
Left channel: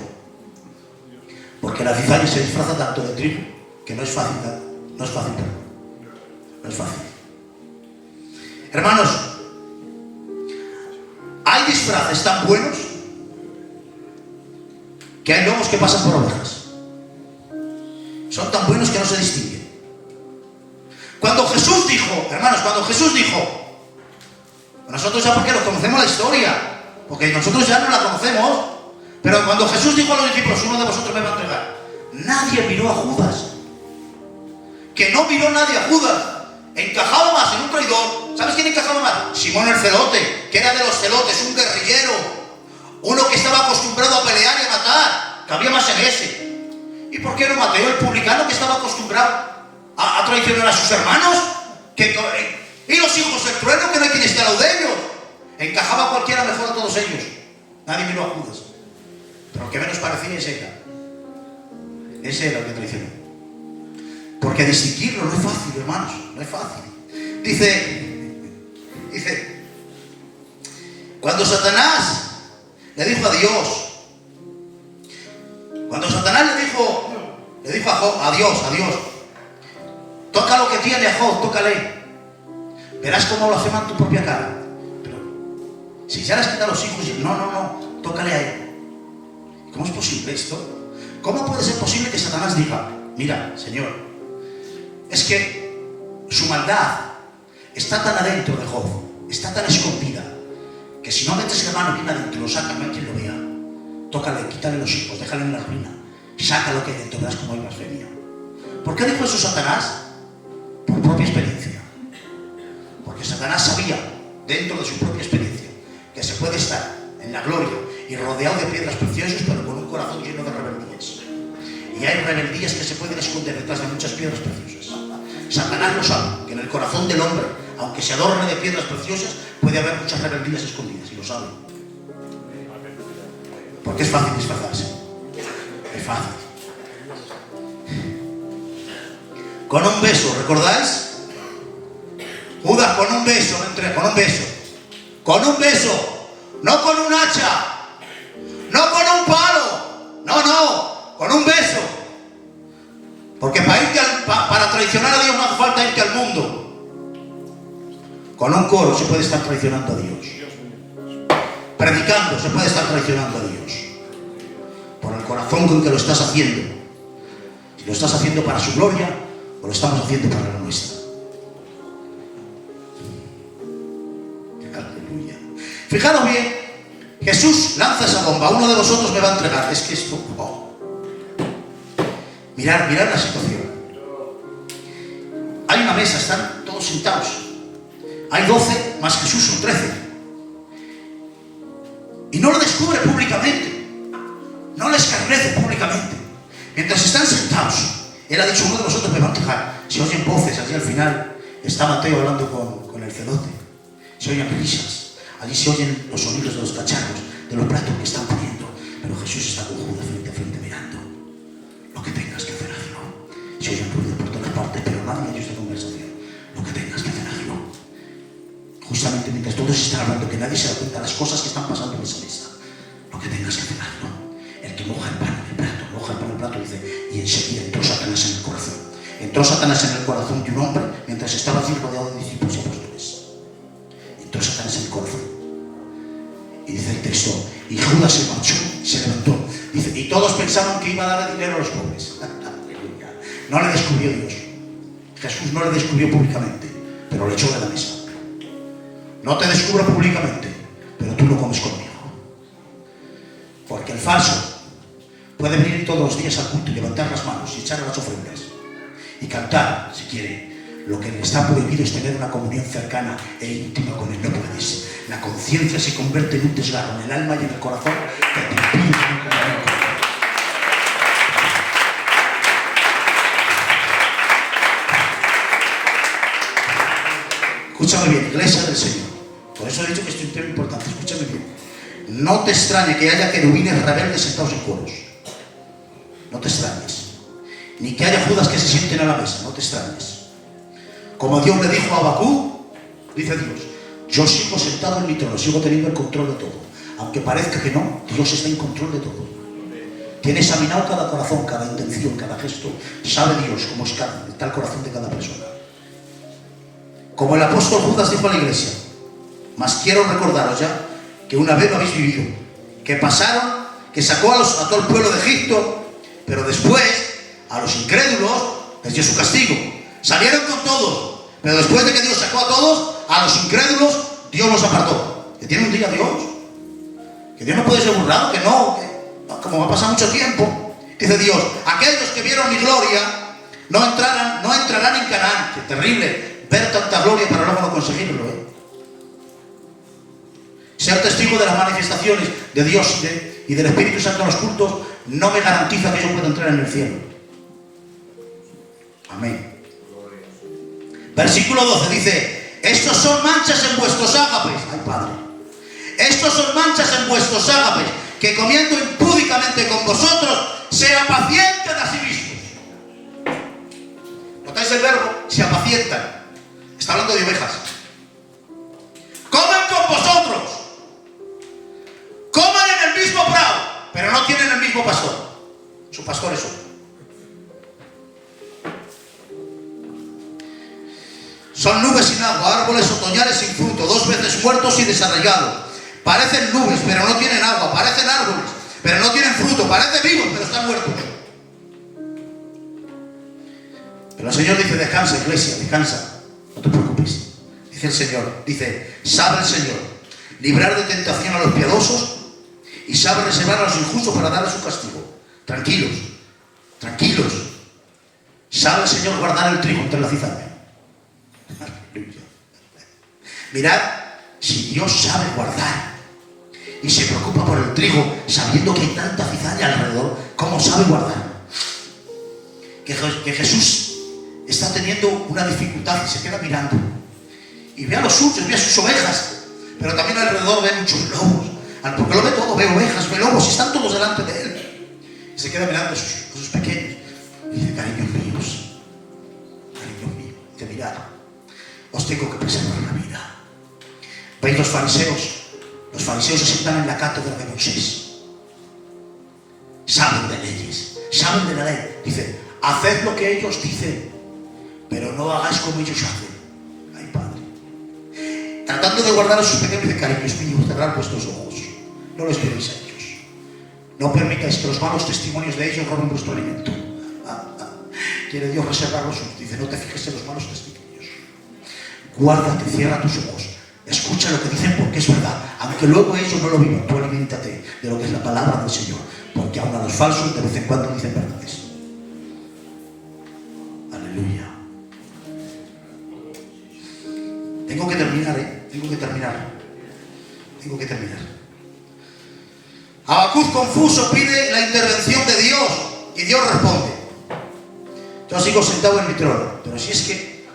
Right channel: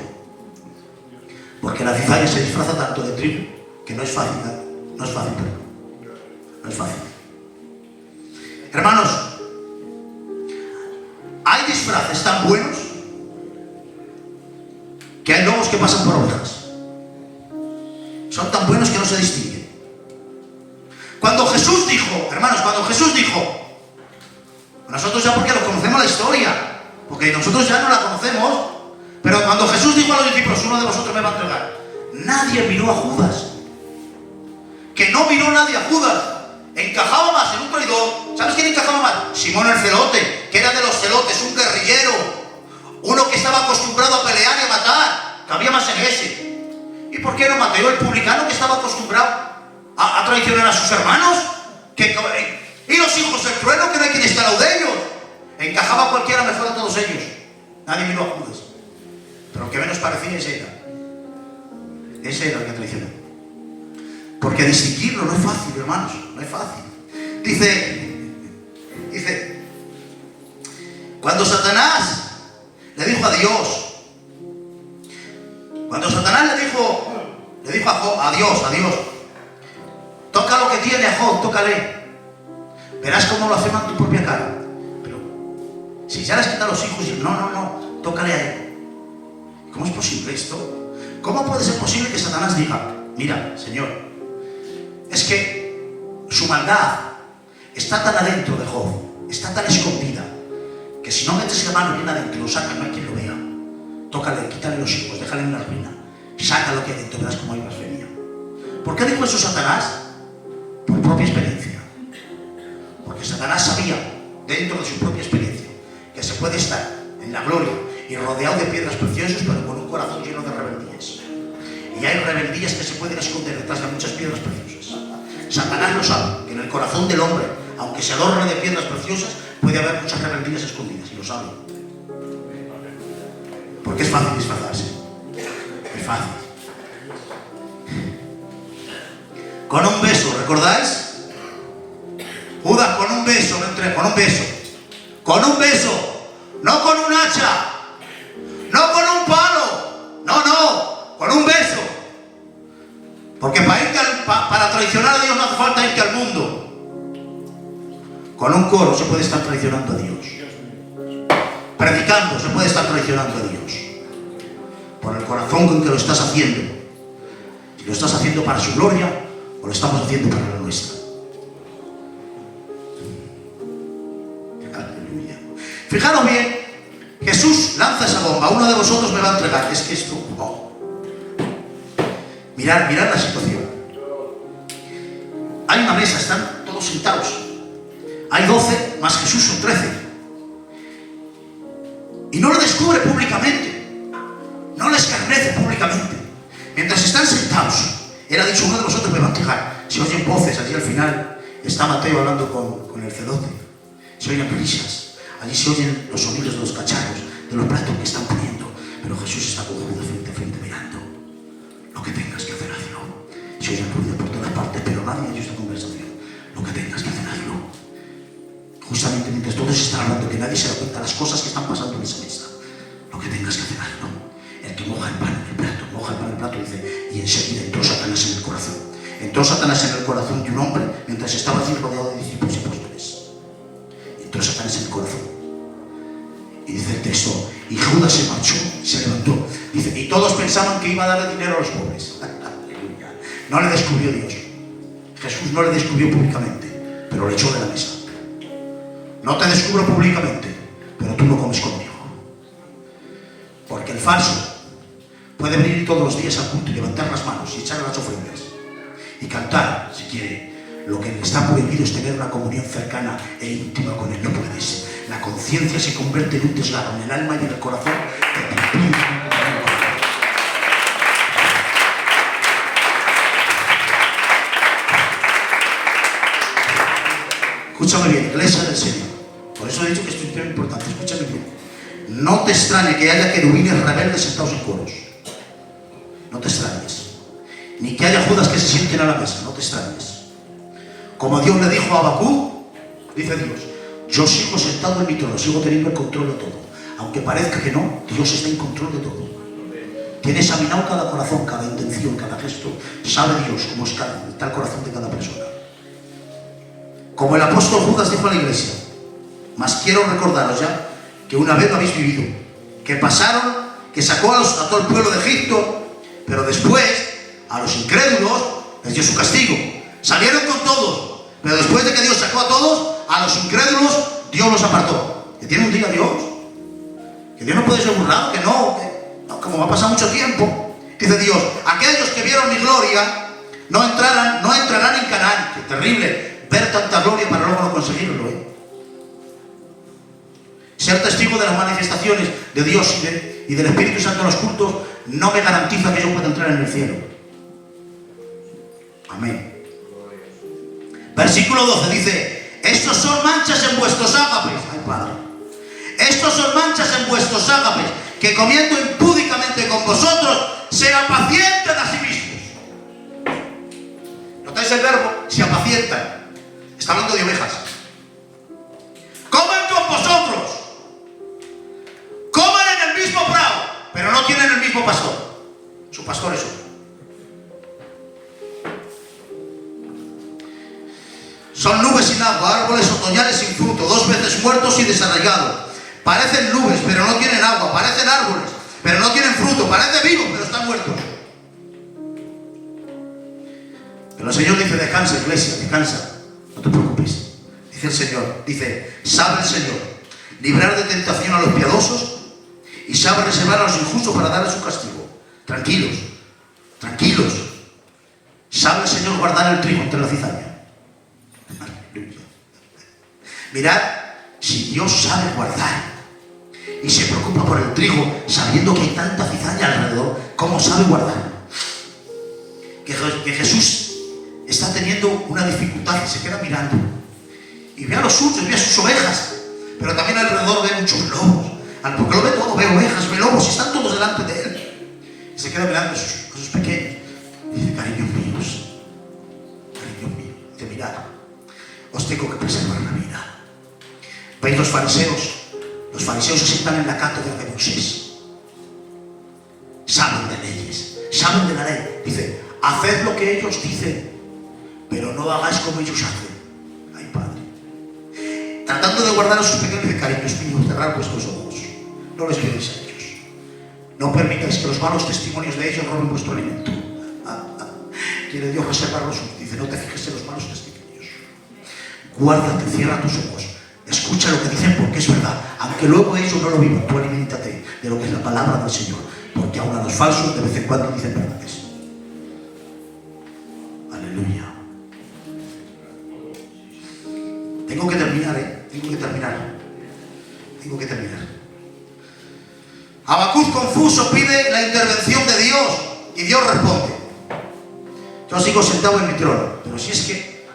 Porque la cizaña se disfraza tanto de trigo que no es fácil. No es fácil. Hermanos, hay disfraces tan buenos que hay lobos que pasan por ovejas. Son tan buenos que no se distinguen. Cuando Jesús dijo, nosotros ya porque lo conocemos la historia, porque nosotros ya no la conocemos, pero cuando Jesús dijo a los discípulos, uno de vosotros me va a entregar, nadie miró a Judas. Que no miró nadie a Judas. Encajaba más en un traidor. ¿Sabes quién encajaba más? Simón el celote, que era de los celotes, un guerrillero, uno que estaba acostumbrado a pelear y a matar, que había más en ese. ¿Y por qué no Mateo, el publicano, que estaba acostumbrado a traicionar a sus hermanos? Y los hijos del trueno, que no hay quien esté al lado de ellos. Encajaba cualquiera mejor a todos ellos. Nadie miró a Judas. Pero el que menos parecía ese era el que traicionó. Porque distinguirlo no es fácil, hermanos, no es fácil. Dice, cuando Satanás le dijo a Dios, a Dios, toca lo que tiene a Job, tócale. Verás cómo blasfema en tu propia cara. Pero si ya les quita los hijos, no, tócale a él. ¿Cómo es posible esto? ¿Cómo puede ser posible que Satanás diga, mira, Señor, es que su maldad está tan adentro de Job, está tan escondida, que si no metes la mano bien adentro, lo saca, no hay quien lo vea. Tócale, quítale los hijos, déjale en la ruina, saca lo que hay dentro, verás cómo hay blasfemia. ¿Por qué dijo eso Satanás? Por propia experiencia. Porque Satanás sabía, dentro de su propia experiencia, que se puede estar en la gloria y rodeado de piedras preciosas, pero con un corazón lleno de rebeldías. Y hay rebeldías que se pueden esconder detrás de muchas piedras preciosas. Satanás lo sabe, que en el corazón del hombre, aunque se adorne de piedras preciosas, puede haber muchas rebeldías escondidas, y lo sabe. Porque es fácil disfrazarse. Es fácil. Con un beso, ¿recordáis? Judas, con un beso, con un beso, no con un hacha, no con un palo, no, con un beso. Porque para traicionar a Dios no hace falta irte al mundo. Con un coro se puede estar traicionando a Dios. Predicando se puede estar traicionando a Dios. Por el corazón con que lo estás haciendo. Si lo estás haciendo para su gloria o lo estamos haciendo para la nuestra. Fijaros bien, Jesús lanza esa bomba. Uno de vosotros me va a entregar. Es que esto... Oh. Mirad la situación. Hay una mesa, están todos sentados. Hay 12 más Jesús, son 13. Y no lo descubre públicamente. No les escarnece públicamente. Mientras están sentados, él ha dicho: uno de vosotros me va a entregar. Se oyen voces. Allí al final está Mateo hablando con el celote. Se oyen risas. Allí se oyen los sonidos de los cacharros, de los platos que están poniendo. Pero Jesús está con Judas frente a frente mirando. Lo que tengas que hacer, hazlo. Se oyen ruidos por todas partes, pero nadie oye esta conversación. Lo que tengas que hacer, hazlo. Justamente mientras todos están hablando, que nadie se da cuenta de las cosas que están pasando en esa mesa. Lo que tengas que hacer, hazlo. El que moja el pan en el plato, dice, y enseguida entró Satanás en el corazón. Entró Satanás en el corazón de un hombre mientras estaba así rodeado de discípulos y apóstoles. Entró Satanás en el corazón. Y dice el texto, y Judas se marchó, se levantó. Dice, y todos pensaban que iba a darle dinero a los pobres. No le descubrió Dios. Jesús no le descubrió públicamente, pero le echó de la mesa. No te descubro públicamente, pero tú no comes conmigo. Porque el falso puede venir todos los días al culto y levantar las manos y echar las ofrendas y cantar, si quiere. Lo que le está prohibido es tener una comunión cercana e íntima con él. No puedes. La conciencia se convierte en un desgarro en el alma y en el corazón que te impide comunión. Escúchame bien, iglesia del Señor. Por eso he dicho que este es un tema importante. Escúchame bien. No te extrañe que haya querubines rebeldes sentados en coros. No te extrañes. Ni que haya Judas que se sienten a la mesa. No te extrañes. Como Dios le dijo a Habacuc, dice Dios, yo sigo sentado en mi trono, sigo teniendo el control de todo. Aunque parezca que no, Dios está en control de todo. Tiene examinado cada corazón, cada intención, cada gesto. Sabe Dios cómo está el corazón de cada persona. Como el apóstol Judas dijo a la iglesia, mas quiero recordaros ya que una vez lo habéis vivido, que pasaron, que sacó a todo el pueblo de Egipto, pero después a los incrédulos les dio su castigo. Salieron con todos, pero después de que Dios sacó a todos, a los incrédulos Dios los apartó. ¿Que tiene un día Dios? Que Dios no puede ser burlado, que no, como va a pasar mucho tiempo. Dice Dios, aquellos que vieron mi gloria no entrarán en Canaán. Qué terrible ver tanta gloria para luego no conseguirlo, Ser testigo de las manifestaciones de Dios y del Espíritu Santo en los cultos no me garantiza que yo pueda entrar en el cielo. Amén. Versículo 12 dice, estos son manchas en vuestros ágapes. Ay, Padre. Estos son manchas en vuestros ágapes, que comiendo impúdicamente con vosotros, se apacientan a sí mismos. ¿Notáis el verbo? Se apacientan. Está hablando de ovejas. Comen con vosotros. Comen en el mismo prado, pero no tienen el mismo pastor. Su pastor es uno. Son nubes sin agua, árboles otoñales sin fruto, 2 veces muertos y desarraigados. Parecen nubes, pero no tienen agua. Parecen árboles, pero no tienen fruto. Parecen vivos, pero están muertos. Pero el Señor dice, descansa, iglesia, descansa. No te preocupes. Dice el Señor, sabe el Señor librar de tentación a los piadosos y sabe reservar a los injustos para darles su castigo. Tranquilos, tranquilos. Sabe el Señor guardar el trigo entre la cizaña. Mirad, si Dios sabe guardar y se preocupa por el trigo, sabiendo que hay tanta cizaña alrededor, ¿cómo sabe guardar? Que Jesús está teniendo una dificultad y se queda mirando y ve a los suyos, ve a sus ovejas, pero también alrededor ve muchos lobos. Porque lo ve todo, ve ovejas, ve lobos y están todos delante de él. Y se queda mirando a sus pequeños y dice, cariños míos, mirad, os tengo que preservar la vida. ¿Veis los fariseos? Los fariseos se sientan en la cátedra de Moisés. Saben de leyes, saben de la ley. Dice, haced lo que ellos dicen, pero no hagáis como ellos hacen. Ay, Padre. tratando de guardar a sus pequeños y cariños míos, cerrar vuestros ojos. No les pidáis a ellos. No permitáis que los malos testimonios de ellos roben vuestro alimento. Quiere Dios reservarlos. Dice, no te fijes en los malos testimonios. Guárdate, cierra tus ojos. Escucha lo que dicen porque es verdad. Aunque luego ellos no lo vivan, tú aliméntate de lo que es la palabra del Señor. Porque aun a los falsos de vez en cuando dicen verdades. Aleluya. Tengo que terminar, Tengo que terminar. Habacuc confuso pide la intervención de Dios y Dios responde. Yo sigo sentado en mi trono, pero si es que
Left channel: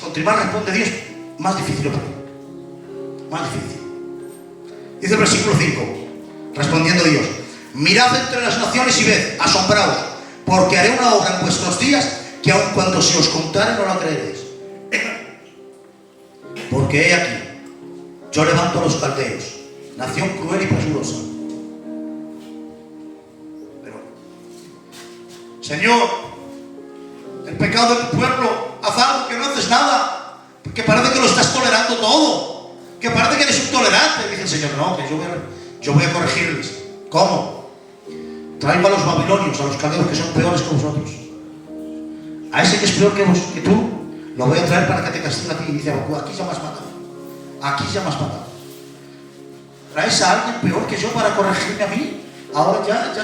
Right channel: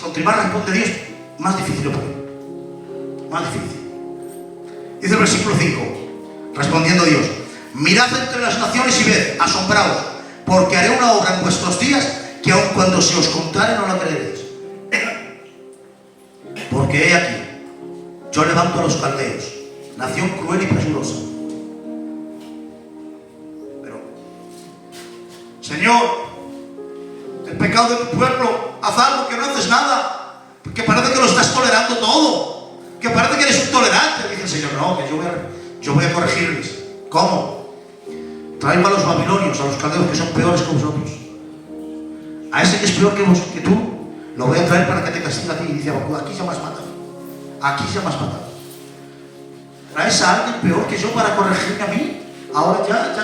continuar responde Dios, más difícil lo pone. Más difícil. Dice el versículo 5, respondiendo Dios: mirad entre las naciones y ved, asombraos, porque haré una obra en vuestros días que aun cuando se os contare no la creeréis. Porque he aquí, yo levanto a los caldeos, nación cruel y presurosa. Pero, Señor, el pecado de tu pueblo, haz algo, que no haces nada, que parece que lo estás tolerando todo, que parece que eres un tolerante. Dice el Señor, no, que yo voy a corregirles. ¿Cómo? Traigo a los babilonios, a los caldeos que son peores que vosotros. A ese que es peor que tú, lo voy a traer para que te castigue a ti. Y dice Habacuc, aquí ya me has matado. Aquí ya me has matado. ¿Traes a alguien peor que yo para corregirme a mí? Ahora ya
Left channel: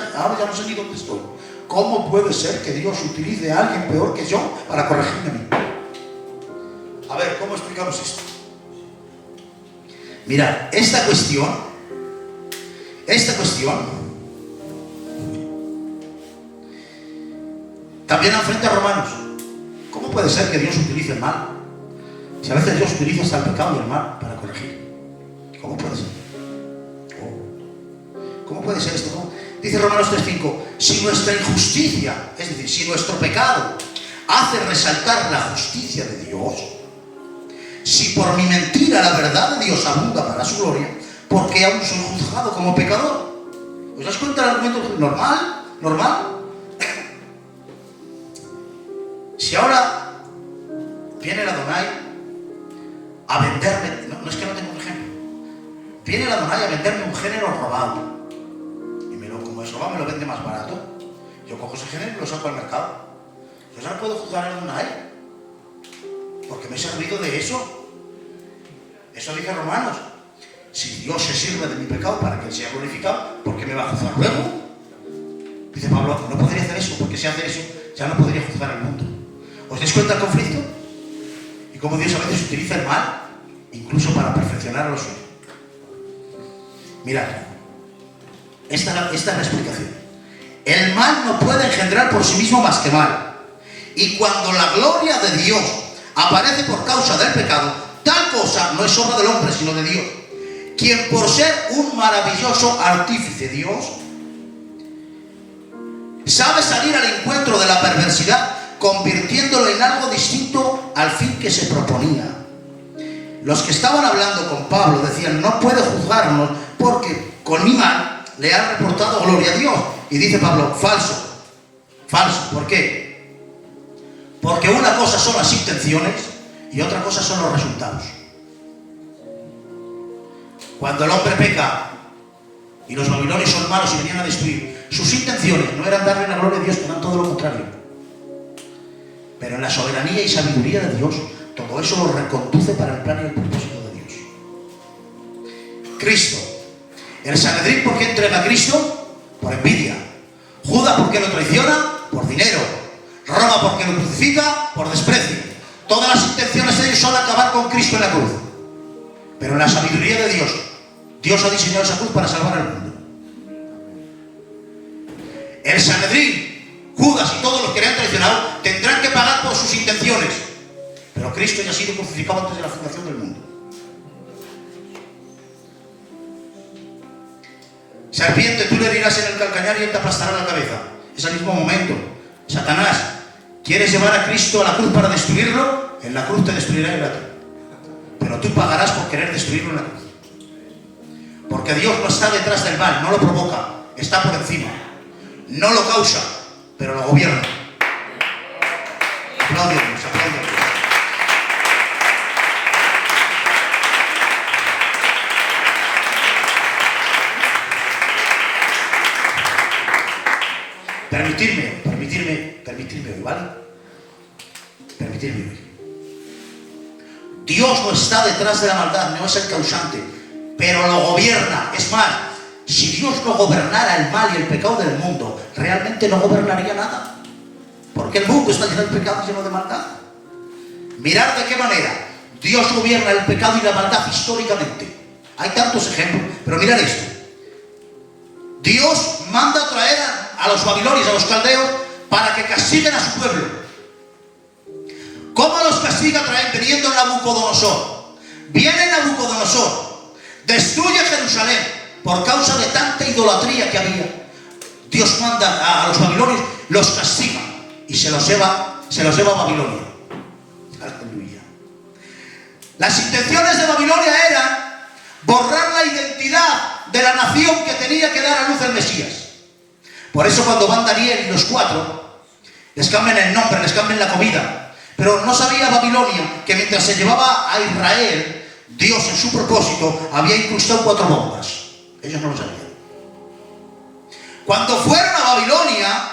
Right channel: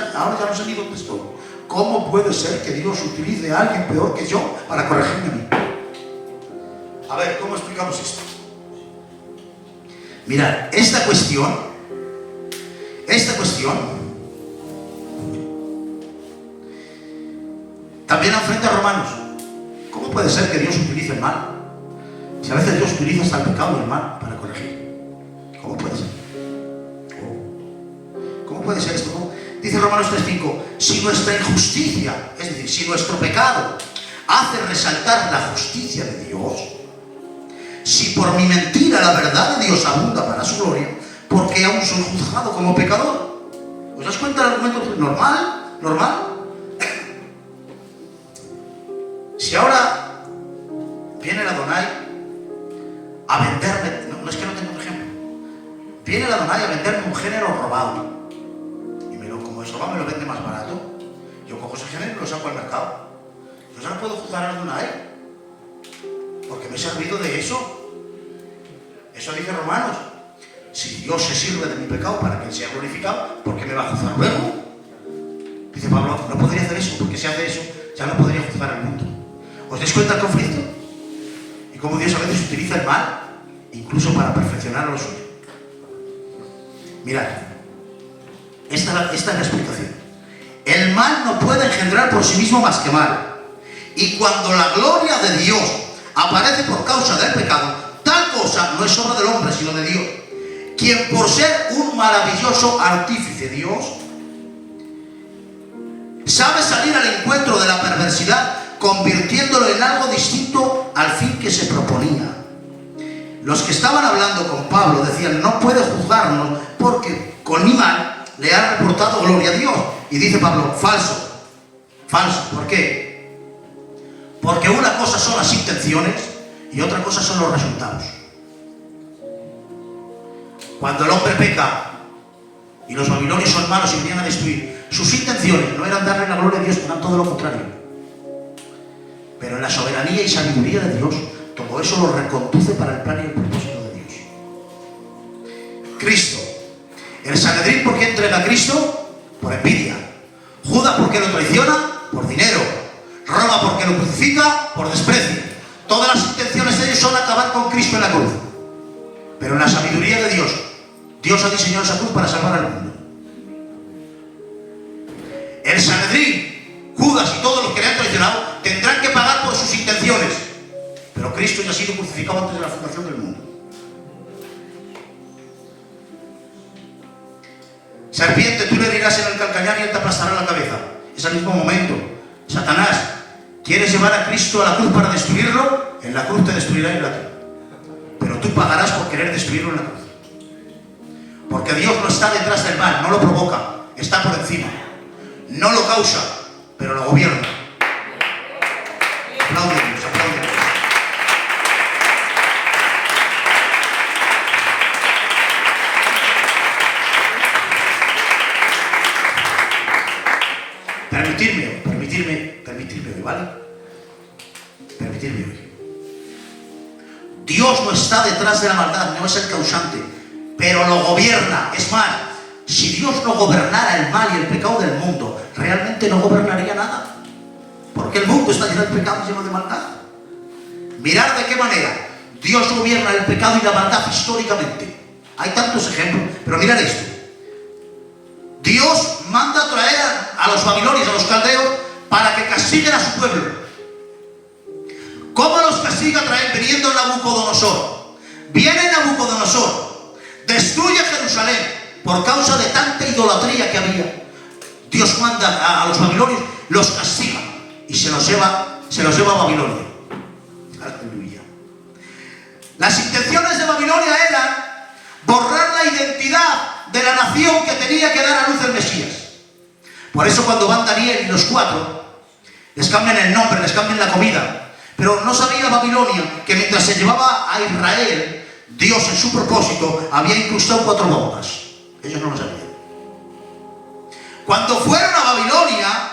no sé ni dónde estoy. ¿Cómo puede ser que Dios utilice a alguien peor que yo para corregirme a mí? A ver, ¿cómo explicamos esto? Mirad, esta cuestión también enfrenta a Romanos. ¿Cómo puede ser que Dios utilice el mal? Si a veces Dios utiliza hasta el pecado y el mal para corregir. ¿Cómo puede ser? ¿Cómo puede ser esto? ¿Cómo? Dice Romanos 3:5, si nuestra injusticia, es decir, si nuestro pecado hace resaltar la justicia de Dios, si por mi mentira la verdad de Dios abunda para su gloria, ¿por qué aún soy juzgado como pecador? ¿Os das cuenta del argumento normal? Si ahora viene el Adonai a venderme, no es que no tenga un ejemplo, viene el Adonai a venderme un género robado, como eso va, me lo vende más barato, yo cojo ese género y lo saco al mercado. Yo no puedo juzgar a Adonai porque me he servido de eso. Eso dice Romanos. Si Dios se sirve de mi pecado para que Él sea glorificado, ¿por qué me va a juzgar luego? Dice Pablo, no podría hacer eso, porque si hace eso ya no podría juzgar al mundo. ¿Os dais cuenta del conflicto? Y cómo Dios a veces utiliza el mal incluso para perfeccionar a los suyos. Mirad, esta es la explicación. El mal no puede engendrar por sí mismo más que mal. Y cuando la gloria de Dios aparece por causa del pecado, tal cosa no es obra del hombre, sino de Dios, quien por ser un maravilloso artífice, Dios, sabe salir al encuentro de la perversidad, convirtiéndolo en algo distinto al fin que se proponía. Los que estaban hablando con Pablo decían, no puede juzgarnos porque con mi mal le ha reportado gloria a Dios. Y dice Pablo, falso. ¿Por qué? Porque una cosa son las intenciones y otra cosa son los resultados. Cuando el hombre peca y los babilonios son malos y venían a destruir, sus intenciones no eran darle la gloria a Dios, eran todo lo contrario. Pero en la soberanía y sabiduría de Dios, todo eso lo reconduce para el plan y el propósito de Dios. Cristo. El Sanedrín, ¿por qué entrega a Cristo? Por envidia. Judas, ¿por qué lo traiciona? Por dinero. Roma, ¿por qué lo crucifica? Por desprecio. Todas las intenciones de ellos son acabar con Cristo en la cruz. Pero en la sabiduría de Dios, Dios ha diseñado esa cruz para salvar al mundo. El Sanedrín, Judas y todos los que le han traicionado tendrán que pagar por sus intenciones. Pero Cristo ya ha sido crucificado antes de la fundación del mundo. Serpiente, tú le herirás en el calcañar y él te aplastará la cabeza. Es al mismo momento. Satanás, ¿quieres llevar a Cristo a la cruz para destruirlo? En la cruz te destruirá en la cruz. Pero tú pagarás por querer destruirlo en la cruz. Porque Dios no está detrás del mal, no lo provoca, está por encima. No lo causa, pero lo gobierna. Aplaudimos. permitirme hoy, ¿vale? Permitirme hoy. Dios no está detrás de la maldad, no es el causante, pero lo gobierna. Es más, si Dios no gobernara el mal y el pecado del mundo, realmente no gobernaría nada. Porque el mundo está lleno de pecado y lleno de maldad. Mirad de qué manera Dios gobierna el pecado y la maldad históricamente. Hay tantos ejemplos, pero mirad esto. Dios manda a traer a los babilonios, a los caldeos, para que castiguen a su pueblo. ¿Cómo los castiga? Viniendo Nabucodonosor. Viene Nabucodonosor, destruye Jerusalén por causa de tanta idolatría que había. Dios manda a los babilonios, los castiga y se los lleva a Babilonia. Aleluya. Las intenciones de Babilonia eran borrar la identidad de la nación que tenía que dar a luz el Mesías. Por eso cuando van Daniel y los 4, les cambian el nombre, les cambian la comida. Pero no sabía Babilonia que mientras se llevaba a Israel, Dios en su propósito había incrustado 4 bombas. Ellos no lo sabían. Cuando fueron a Babilonia,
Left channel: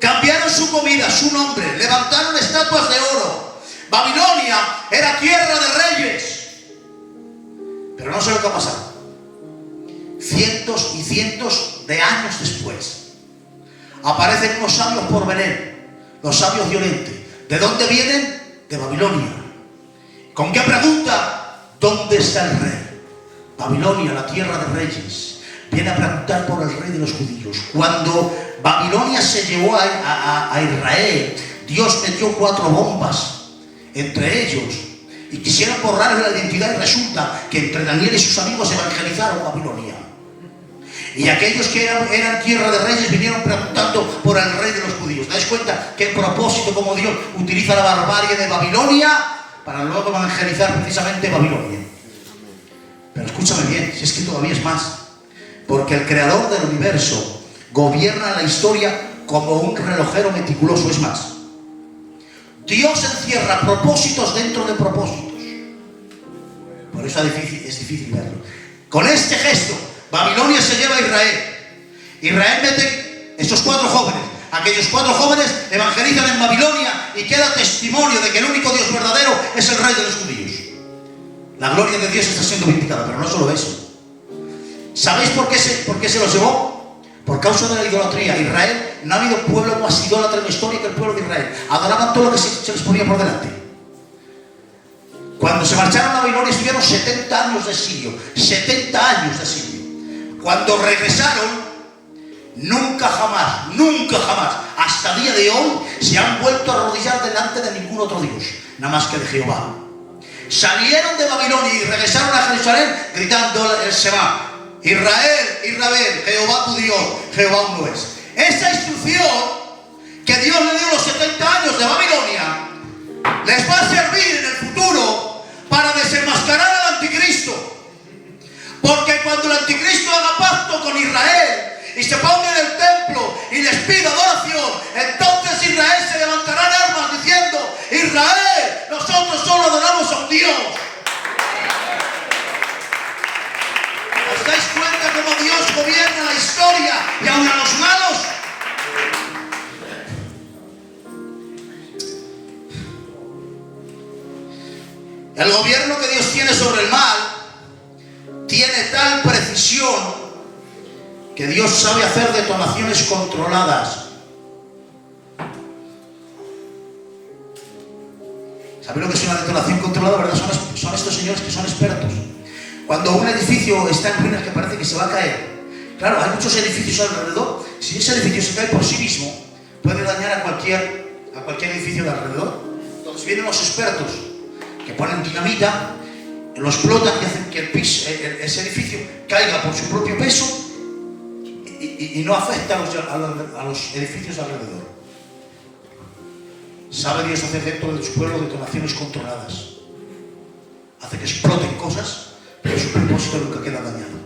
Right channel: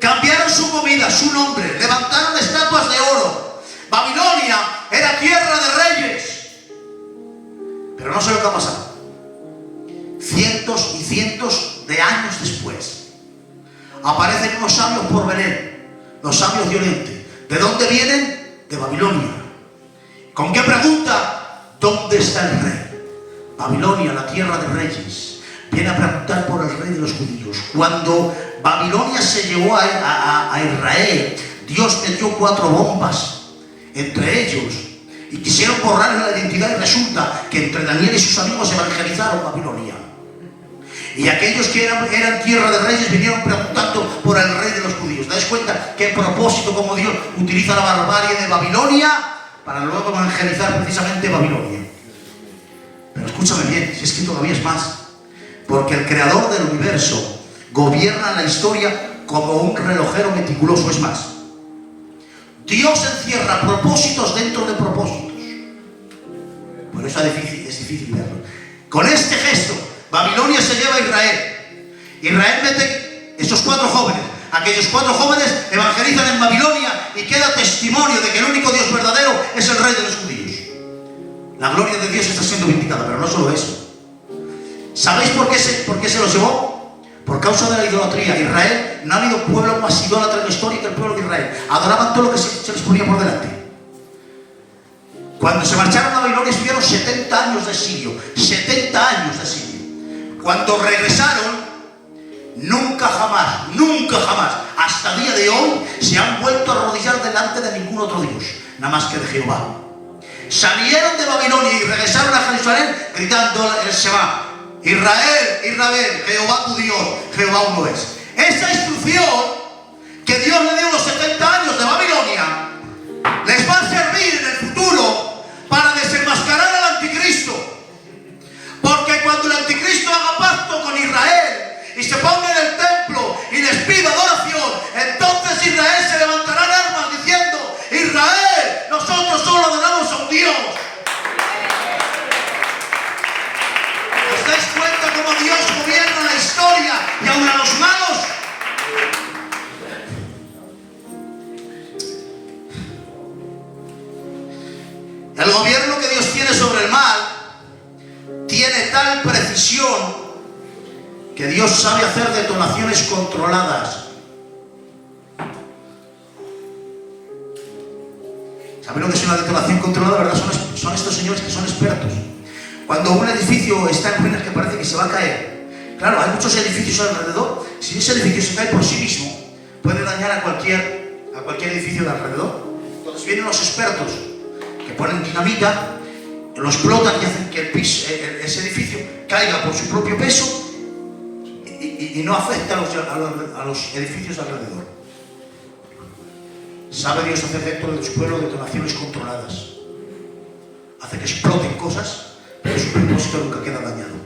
cambiaron su comida, su nombre, levantaron estatuas de oro. Babilonia era tierra de reyes. Pero no sé lo que ha pasado. Cientos y cientos de años después, aparecen unos sabios por Belén. Los sabios de Oriente. ¿De dónde vienen? De Babilonia. ¿Con qué pregunta? ¿Dónde está el rey? Babilonia, la tierra de reyes. Viene a preguntar por el rey de los judíos. Cuando Babilonia se llevó a Israel, Dios metió 4 bombas entre ellos y quisieron borrarle la identidad, y resulta que entre Daniel y sus amigos evangelizaron Babilonia. Y aquellos que eran tierra de reyes vinieron preguntando por el rey de los judíos. ¿Dais cuenta qué propósito como Dios utiliza la barbarie de Babilonia para luego evangelizar precisamente Babilonia? Pero escúchame bien, si es que todavía es más. Porque el creador del universo gobierna la historia como un relojero meticuloso. Es más, Dios encierra propósitos dentro de propósitos. Por eso es difícil verlo. Con este gesto, Babilonia se lleva a Israel. Israel mete estos 4 jóvenes. Aquellos 4 jóvenes evangelizan en Babilonia y queda testimonio de que el único Dios verdadero es el rey de los judíos. La gloria de Dios está siendo vindicada, pero no solo eso. ¿Sabéis por qué se los llevó? Por causa de la idolatría. Israel, no ha habido pueblo más idólatra en la historia que el pueblo de Israel. Adoraban todo lo que se les ponía por delante. Cuando se marcharon a Babilonia estuvieron 70 años de exilio. 70 años de exilio. Cuando regresaron, nunca jamás, hasta el día de hoy, se han vuelto a arrodillar delante de ningún otro Dios, nada más que de Jehová. Salieron de Babilonia y regresaron a Jerusalén gritando el Shema: Israel, Israel, Jehová tu Dios, Jehová uno es. Esa instrucción que Dios le dio los 70 años de Babilonia les va a servir en el futuro para desenmascarar al anticristo. Porque cuando el anticristo haga pacto con Israel y se ponga en el templo y les pida adoración, entonces Israel se levantará en armas diciendo: Israel, nosotros solo adoramos a un Dios. ¿Os dais cuenta cómo Dios gobierna la historia y aún a los malos? El gobierno que Dios tiene sobre el mal tiene tal precisión que Dios sabe hacer detonaciones controladas. ¿Saben lo que es una detonación controlada? ¿Verdad? Son estos señores que son expertos. Cuando un edificio está en ruinas que parece que se va a caer, claro, hay muchos edificios alrededor. Si ese edificio se cae por sí mismo, puede dañar a cualquier edificio de alrededor. Entonces vienen los expertos que ponen dinamita, lo explotan y hacen que ese edificio caiga por su propio peso y no afecta a los edificios alrededor. Sabe Dios hacer dentro de su pueblo detonaciones controladas. Hace que exploten cosas, pero su propósito nunca queda dañado.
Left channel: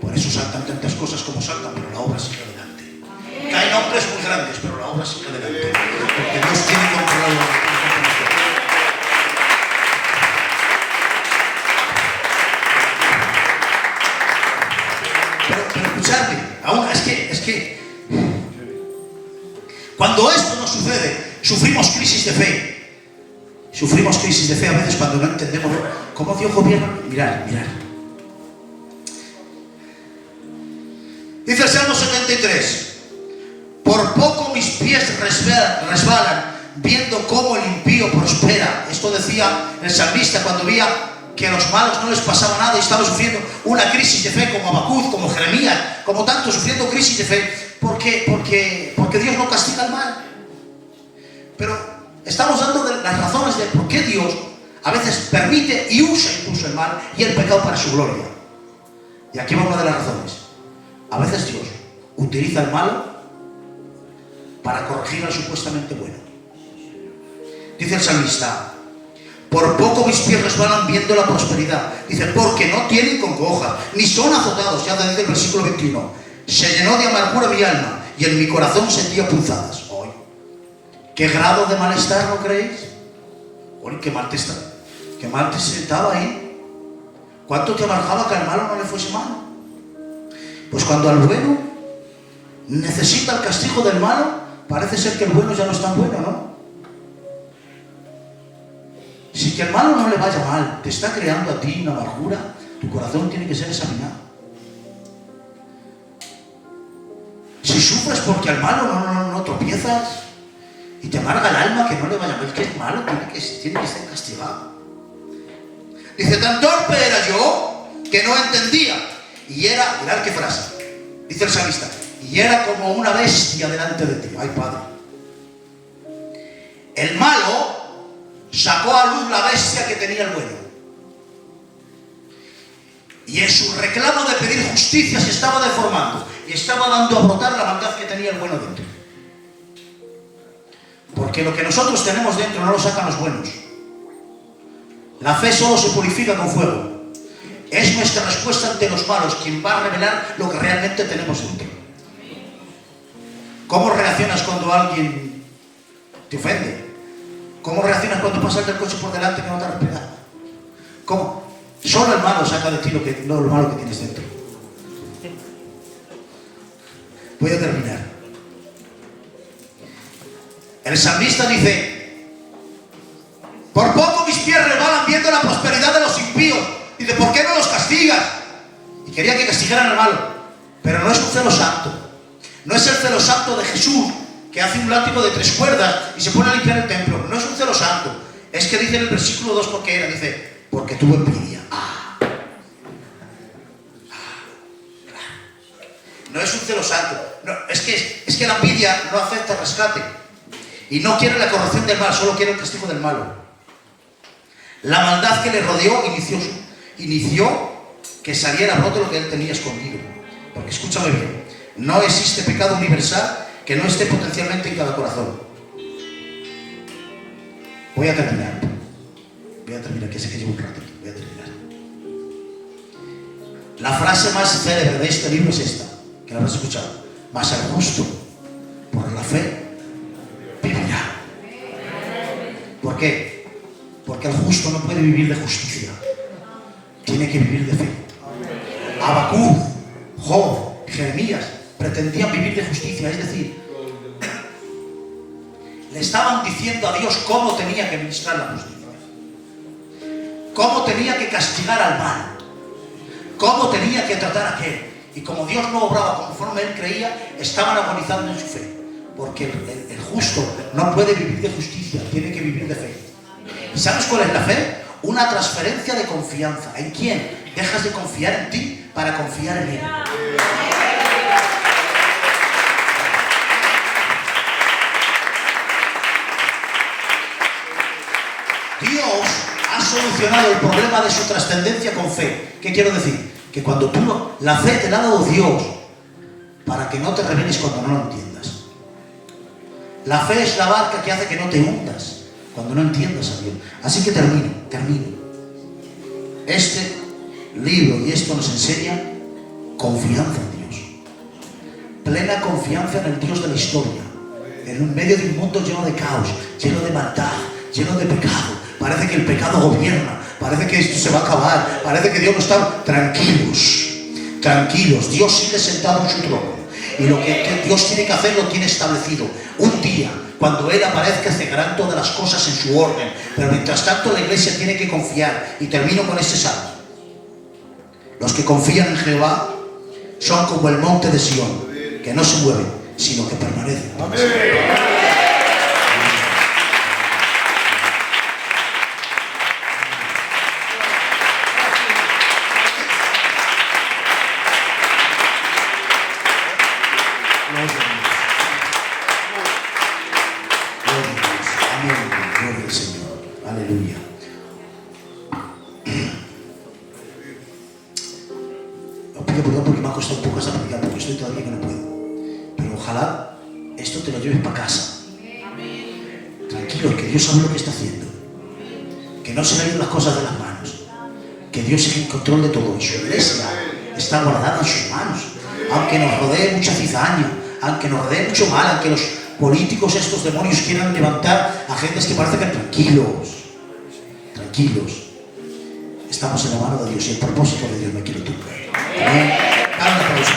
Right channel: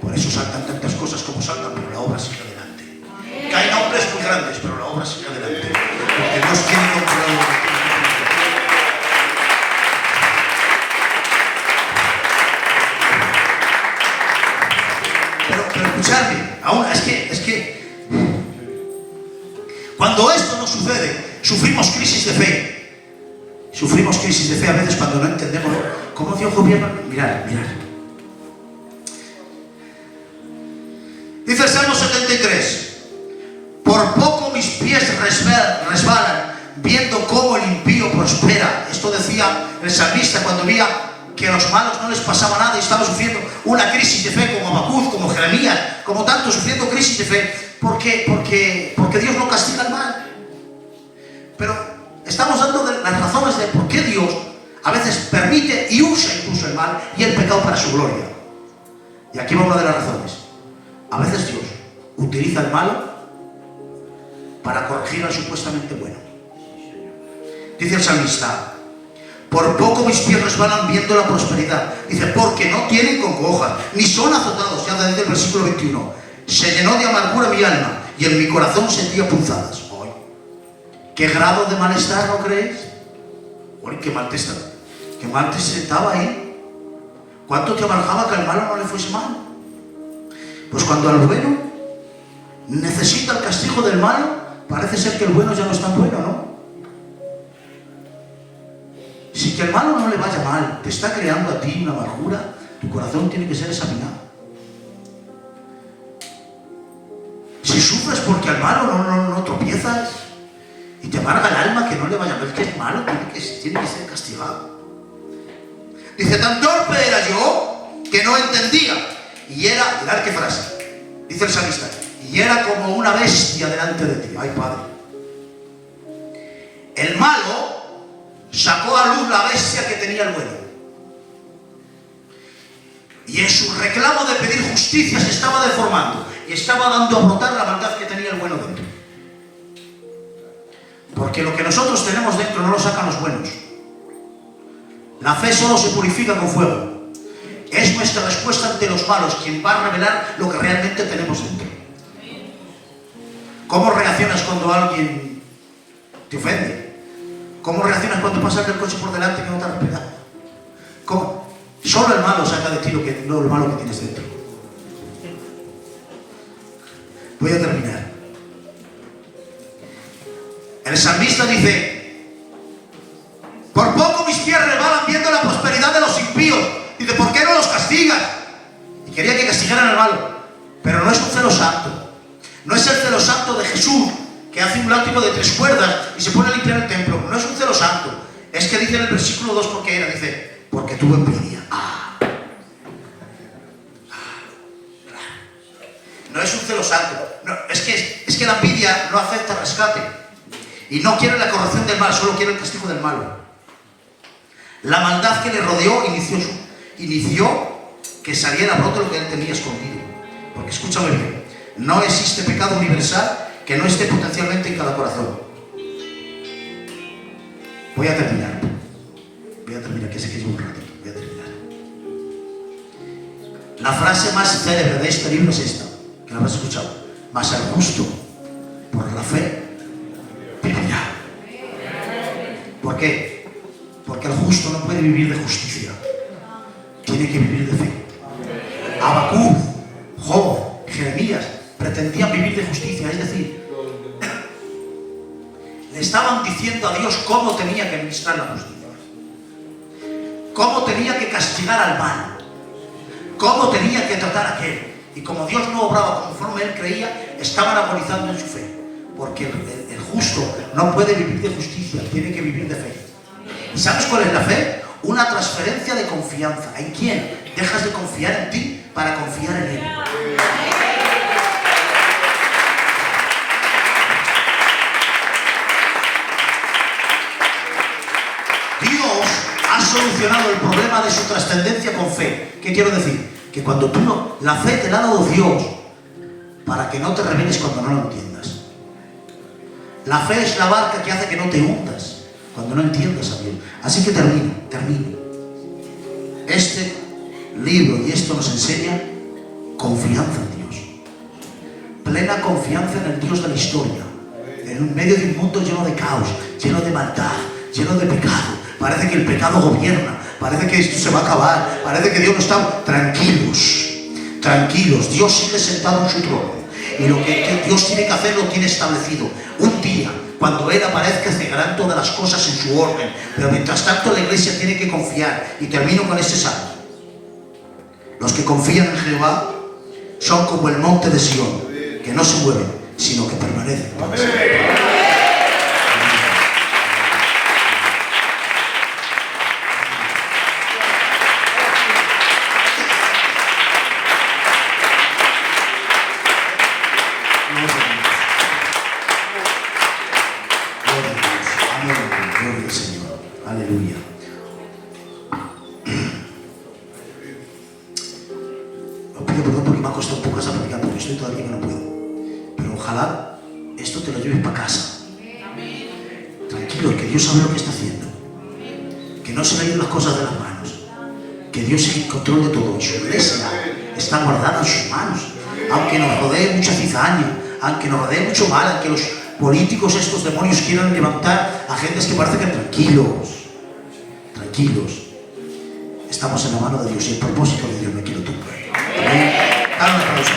Por eso saltan tantas cosas como saltan, pero la obra sigue adelante. Caen hombres muy grandes, pero la obra sigue adelante. Porque Dios tiene controlado. escucharme. Ahora, es que cuando esto nos sucede, sufrimos crisis de fe. Sufrimos crisis de fe a veces cuando no entendemos cómo Dios gobierna. Mirad. Dice el Salmo 73: por poco mis pies resbalan, viendo cómo el impío prospera. Esto decía el salmista cuando veía que a los malos no les pasaba nada y estaban sufriendo una crisis de fe, como Habacuc, como Jeremías, como tantos sufriendo crisis de fe, porque Dios no castiga el mal. Pero estamos dando las razones de por qué Dios a veces permite y usa incluso el mal y el pecado para su gloria. Y aquí vamos a hablar de las razones. A veces Dios utiliza el malo para corregir al supuestamente bueno. Dice el salmista: por poco mis pies resbalan viendo la prosperidad. Dice, porque no tienen congoja, ni son azotados. Ya dice el versículo 21. Se llenó de amargura mi alma, y en mi corazón sentía punzadas. ¡Ay! ¿Qué grado de malestar, no creéis? ¡Ay, qué mal te está! ¡Qué mal te sentaba ahí! ¿Cuánto te amargaba que al malo no le fuese mal? Pues cuando al bueno necesita el castigo del malo, parece ser que el bueno ya no es tan bueno, ¿no? Si que el malo no le vaya mal, te está creando a ti una amargura, tu corazón tiene que ser examinado. Si sufres porque al malo no tropiezas y te amarga el alma que no le vaya mal, que es malo, tiene que ser castigado. Dice, tan torpe era yo que no entendía. Y era, mirad qué frase, dice el salmista, y era como una bestia delante de ti. Ay, Padre. El malo sacó a luz la bestia que tenía el bueno. Y en su reclamo de pedir justicia se estaba deformando y estaba dando a brotar la maldad que tenía el bueno dentro. Porque lo que nosotros tenemos dentro no lo sacan los buenos. La fe solo se purifica con fuego. Es nuestra respuesta ante los malos quien va a revelar lo que realmente tenemos dentro. ¿Cómo reaccionas cuando alguien te ofende? ¿Cómo reaccionas cuando pasas el coche por delante que no te ha respetado? ¿Cómo? Solo el malo saca de ti lo malo que tienes dentro. Voy a terminar. El salmista dice, por poco mis pies resbalan viendo la prosperidad de los impíos. Dice, ¿por qué no los castigas? Y quería que castigaran al malo. Pero no es un celo santo. No es el celo santo de Jesús, que hace un látigo de 3 cuerdas y se pone a limpiar el templo. No es un celo santo. Es que dice en el versículo 2 porque era, dice, porque tuvo envidia. No es un celo santo. No, es que la envidia no acepta rescate. Y no quiere la corrección del mal, solo quiere el castigo del malo. La maldad que le rodeó inició que saliera a brote lo que él tenía escondido. Porque escúchame bien, no existe pecado universal que no esté potencialmente en cada corazón. Voy a terminar, que sé que llevo un ratito. Voy a terminar. La frase más célebre de este libro es esta, que la habrás escuchado. Mas el justo, por la fe, vivirá. ¿Por qué? Porque el justo no puede vivir de justicia. Tiene que vivir de fe. Habacuc, Job, Jeremías pretendían vivir de justicia, es decir, le estaban diciendo a Dios cómo tenía que administrar la justicia, cómo tenía que castigar al mal, cómo tenía que tratar a aquel. Y como Dios no obraba conforme él creía, estaban agonizando en su fe. Porque el justo no puede vivir de justicia, tiene que vivir de fe. ¿Y sabes cuál es la fe? Una transferencia de confianza. ¿En quién? Dejas de confiar en ti para confiar en él. Dios ha solucionado el problema de su trascendencia con fe. ¿Qué quiero decir? Que cuando tú no, la fe te la ha dado Dios para que no te rebeles cuando no lo entiendas. La fe es la barca que hace que no te hundas cuando no entiendas a bien. Así que termino. Este libro y esto nos enseña confianza en Dios. Plena confianza en el Dios de la historia. En un medio de un mundo lleno de caos, lleno de maldad, lleno de pecado. Parece que el pecado gobierna. Parece que esto se va a acabar. Parece que Dios no está. Tranquilos. Tranquilos, Dios sigue sentado en su trono. Y lo que Dios tiene que hacer lo tiene establecido. Un día, cuando Él aparezca, cegarán todas las cosas en su orden. Pero mientras tanto la iglesia tiene que confiar. Y termino con este salmo. Los que confían en Jehová son como el monte de Sión, que no se mueve, sino que permanece. Gloria al Señor. Aleluya. Os pido perdón porque me ha costado un poco esa predicar, porque estoy todavía que no puedo. Pero ojalá esto te lo lleves para casa. Tranquilo, que Dios sabe lo que está haciendo. Que no se le ven las cosas de las manos. Que Dios es el control de todo. Y su iglesia está guardada en sus manos. Aunque nos rodee mucha cizaña, aunque nos rodee mucho mal, aunque los políticos, estos demonios, quieran levantar a gentes que parece que tranquilos, estamos en la mano de Dios y el propósito de Dios me quiere tú. Amén. Dale un aplauso.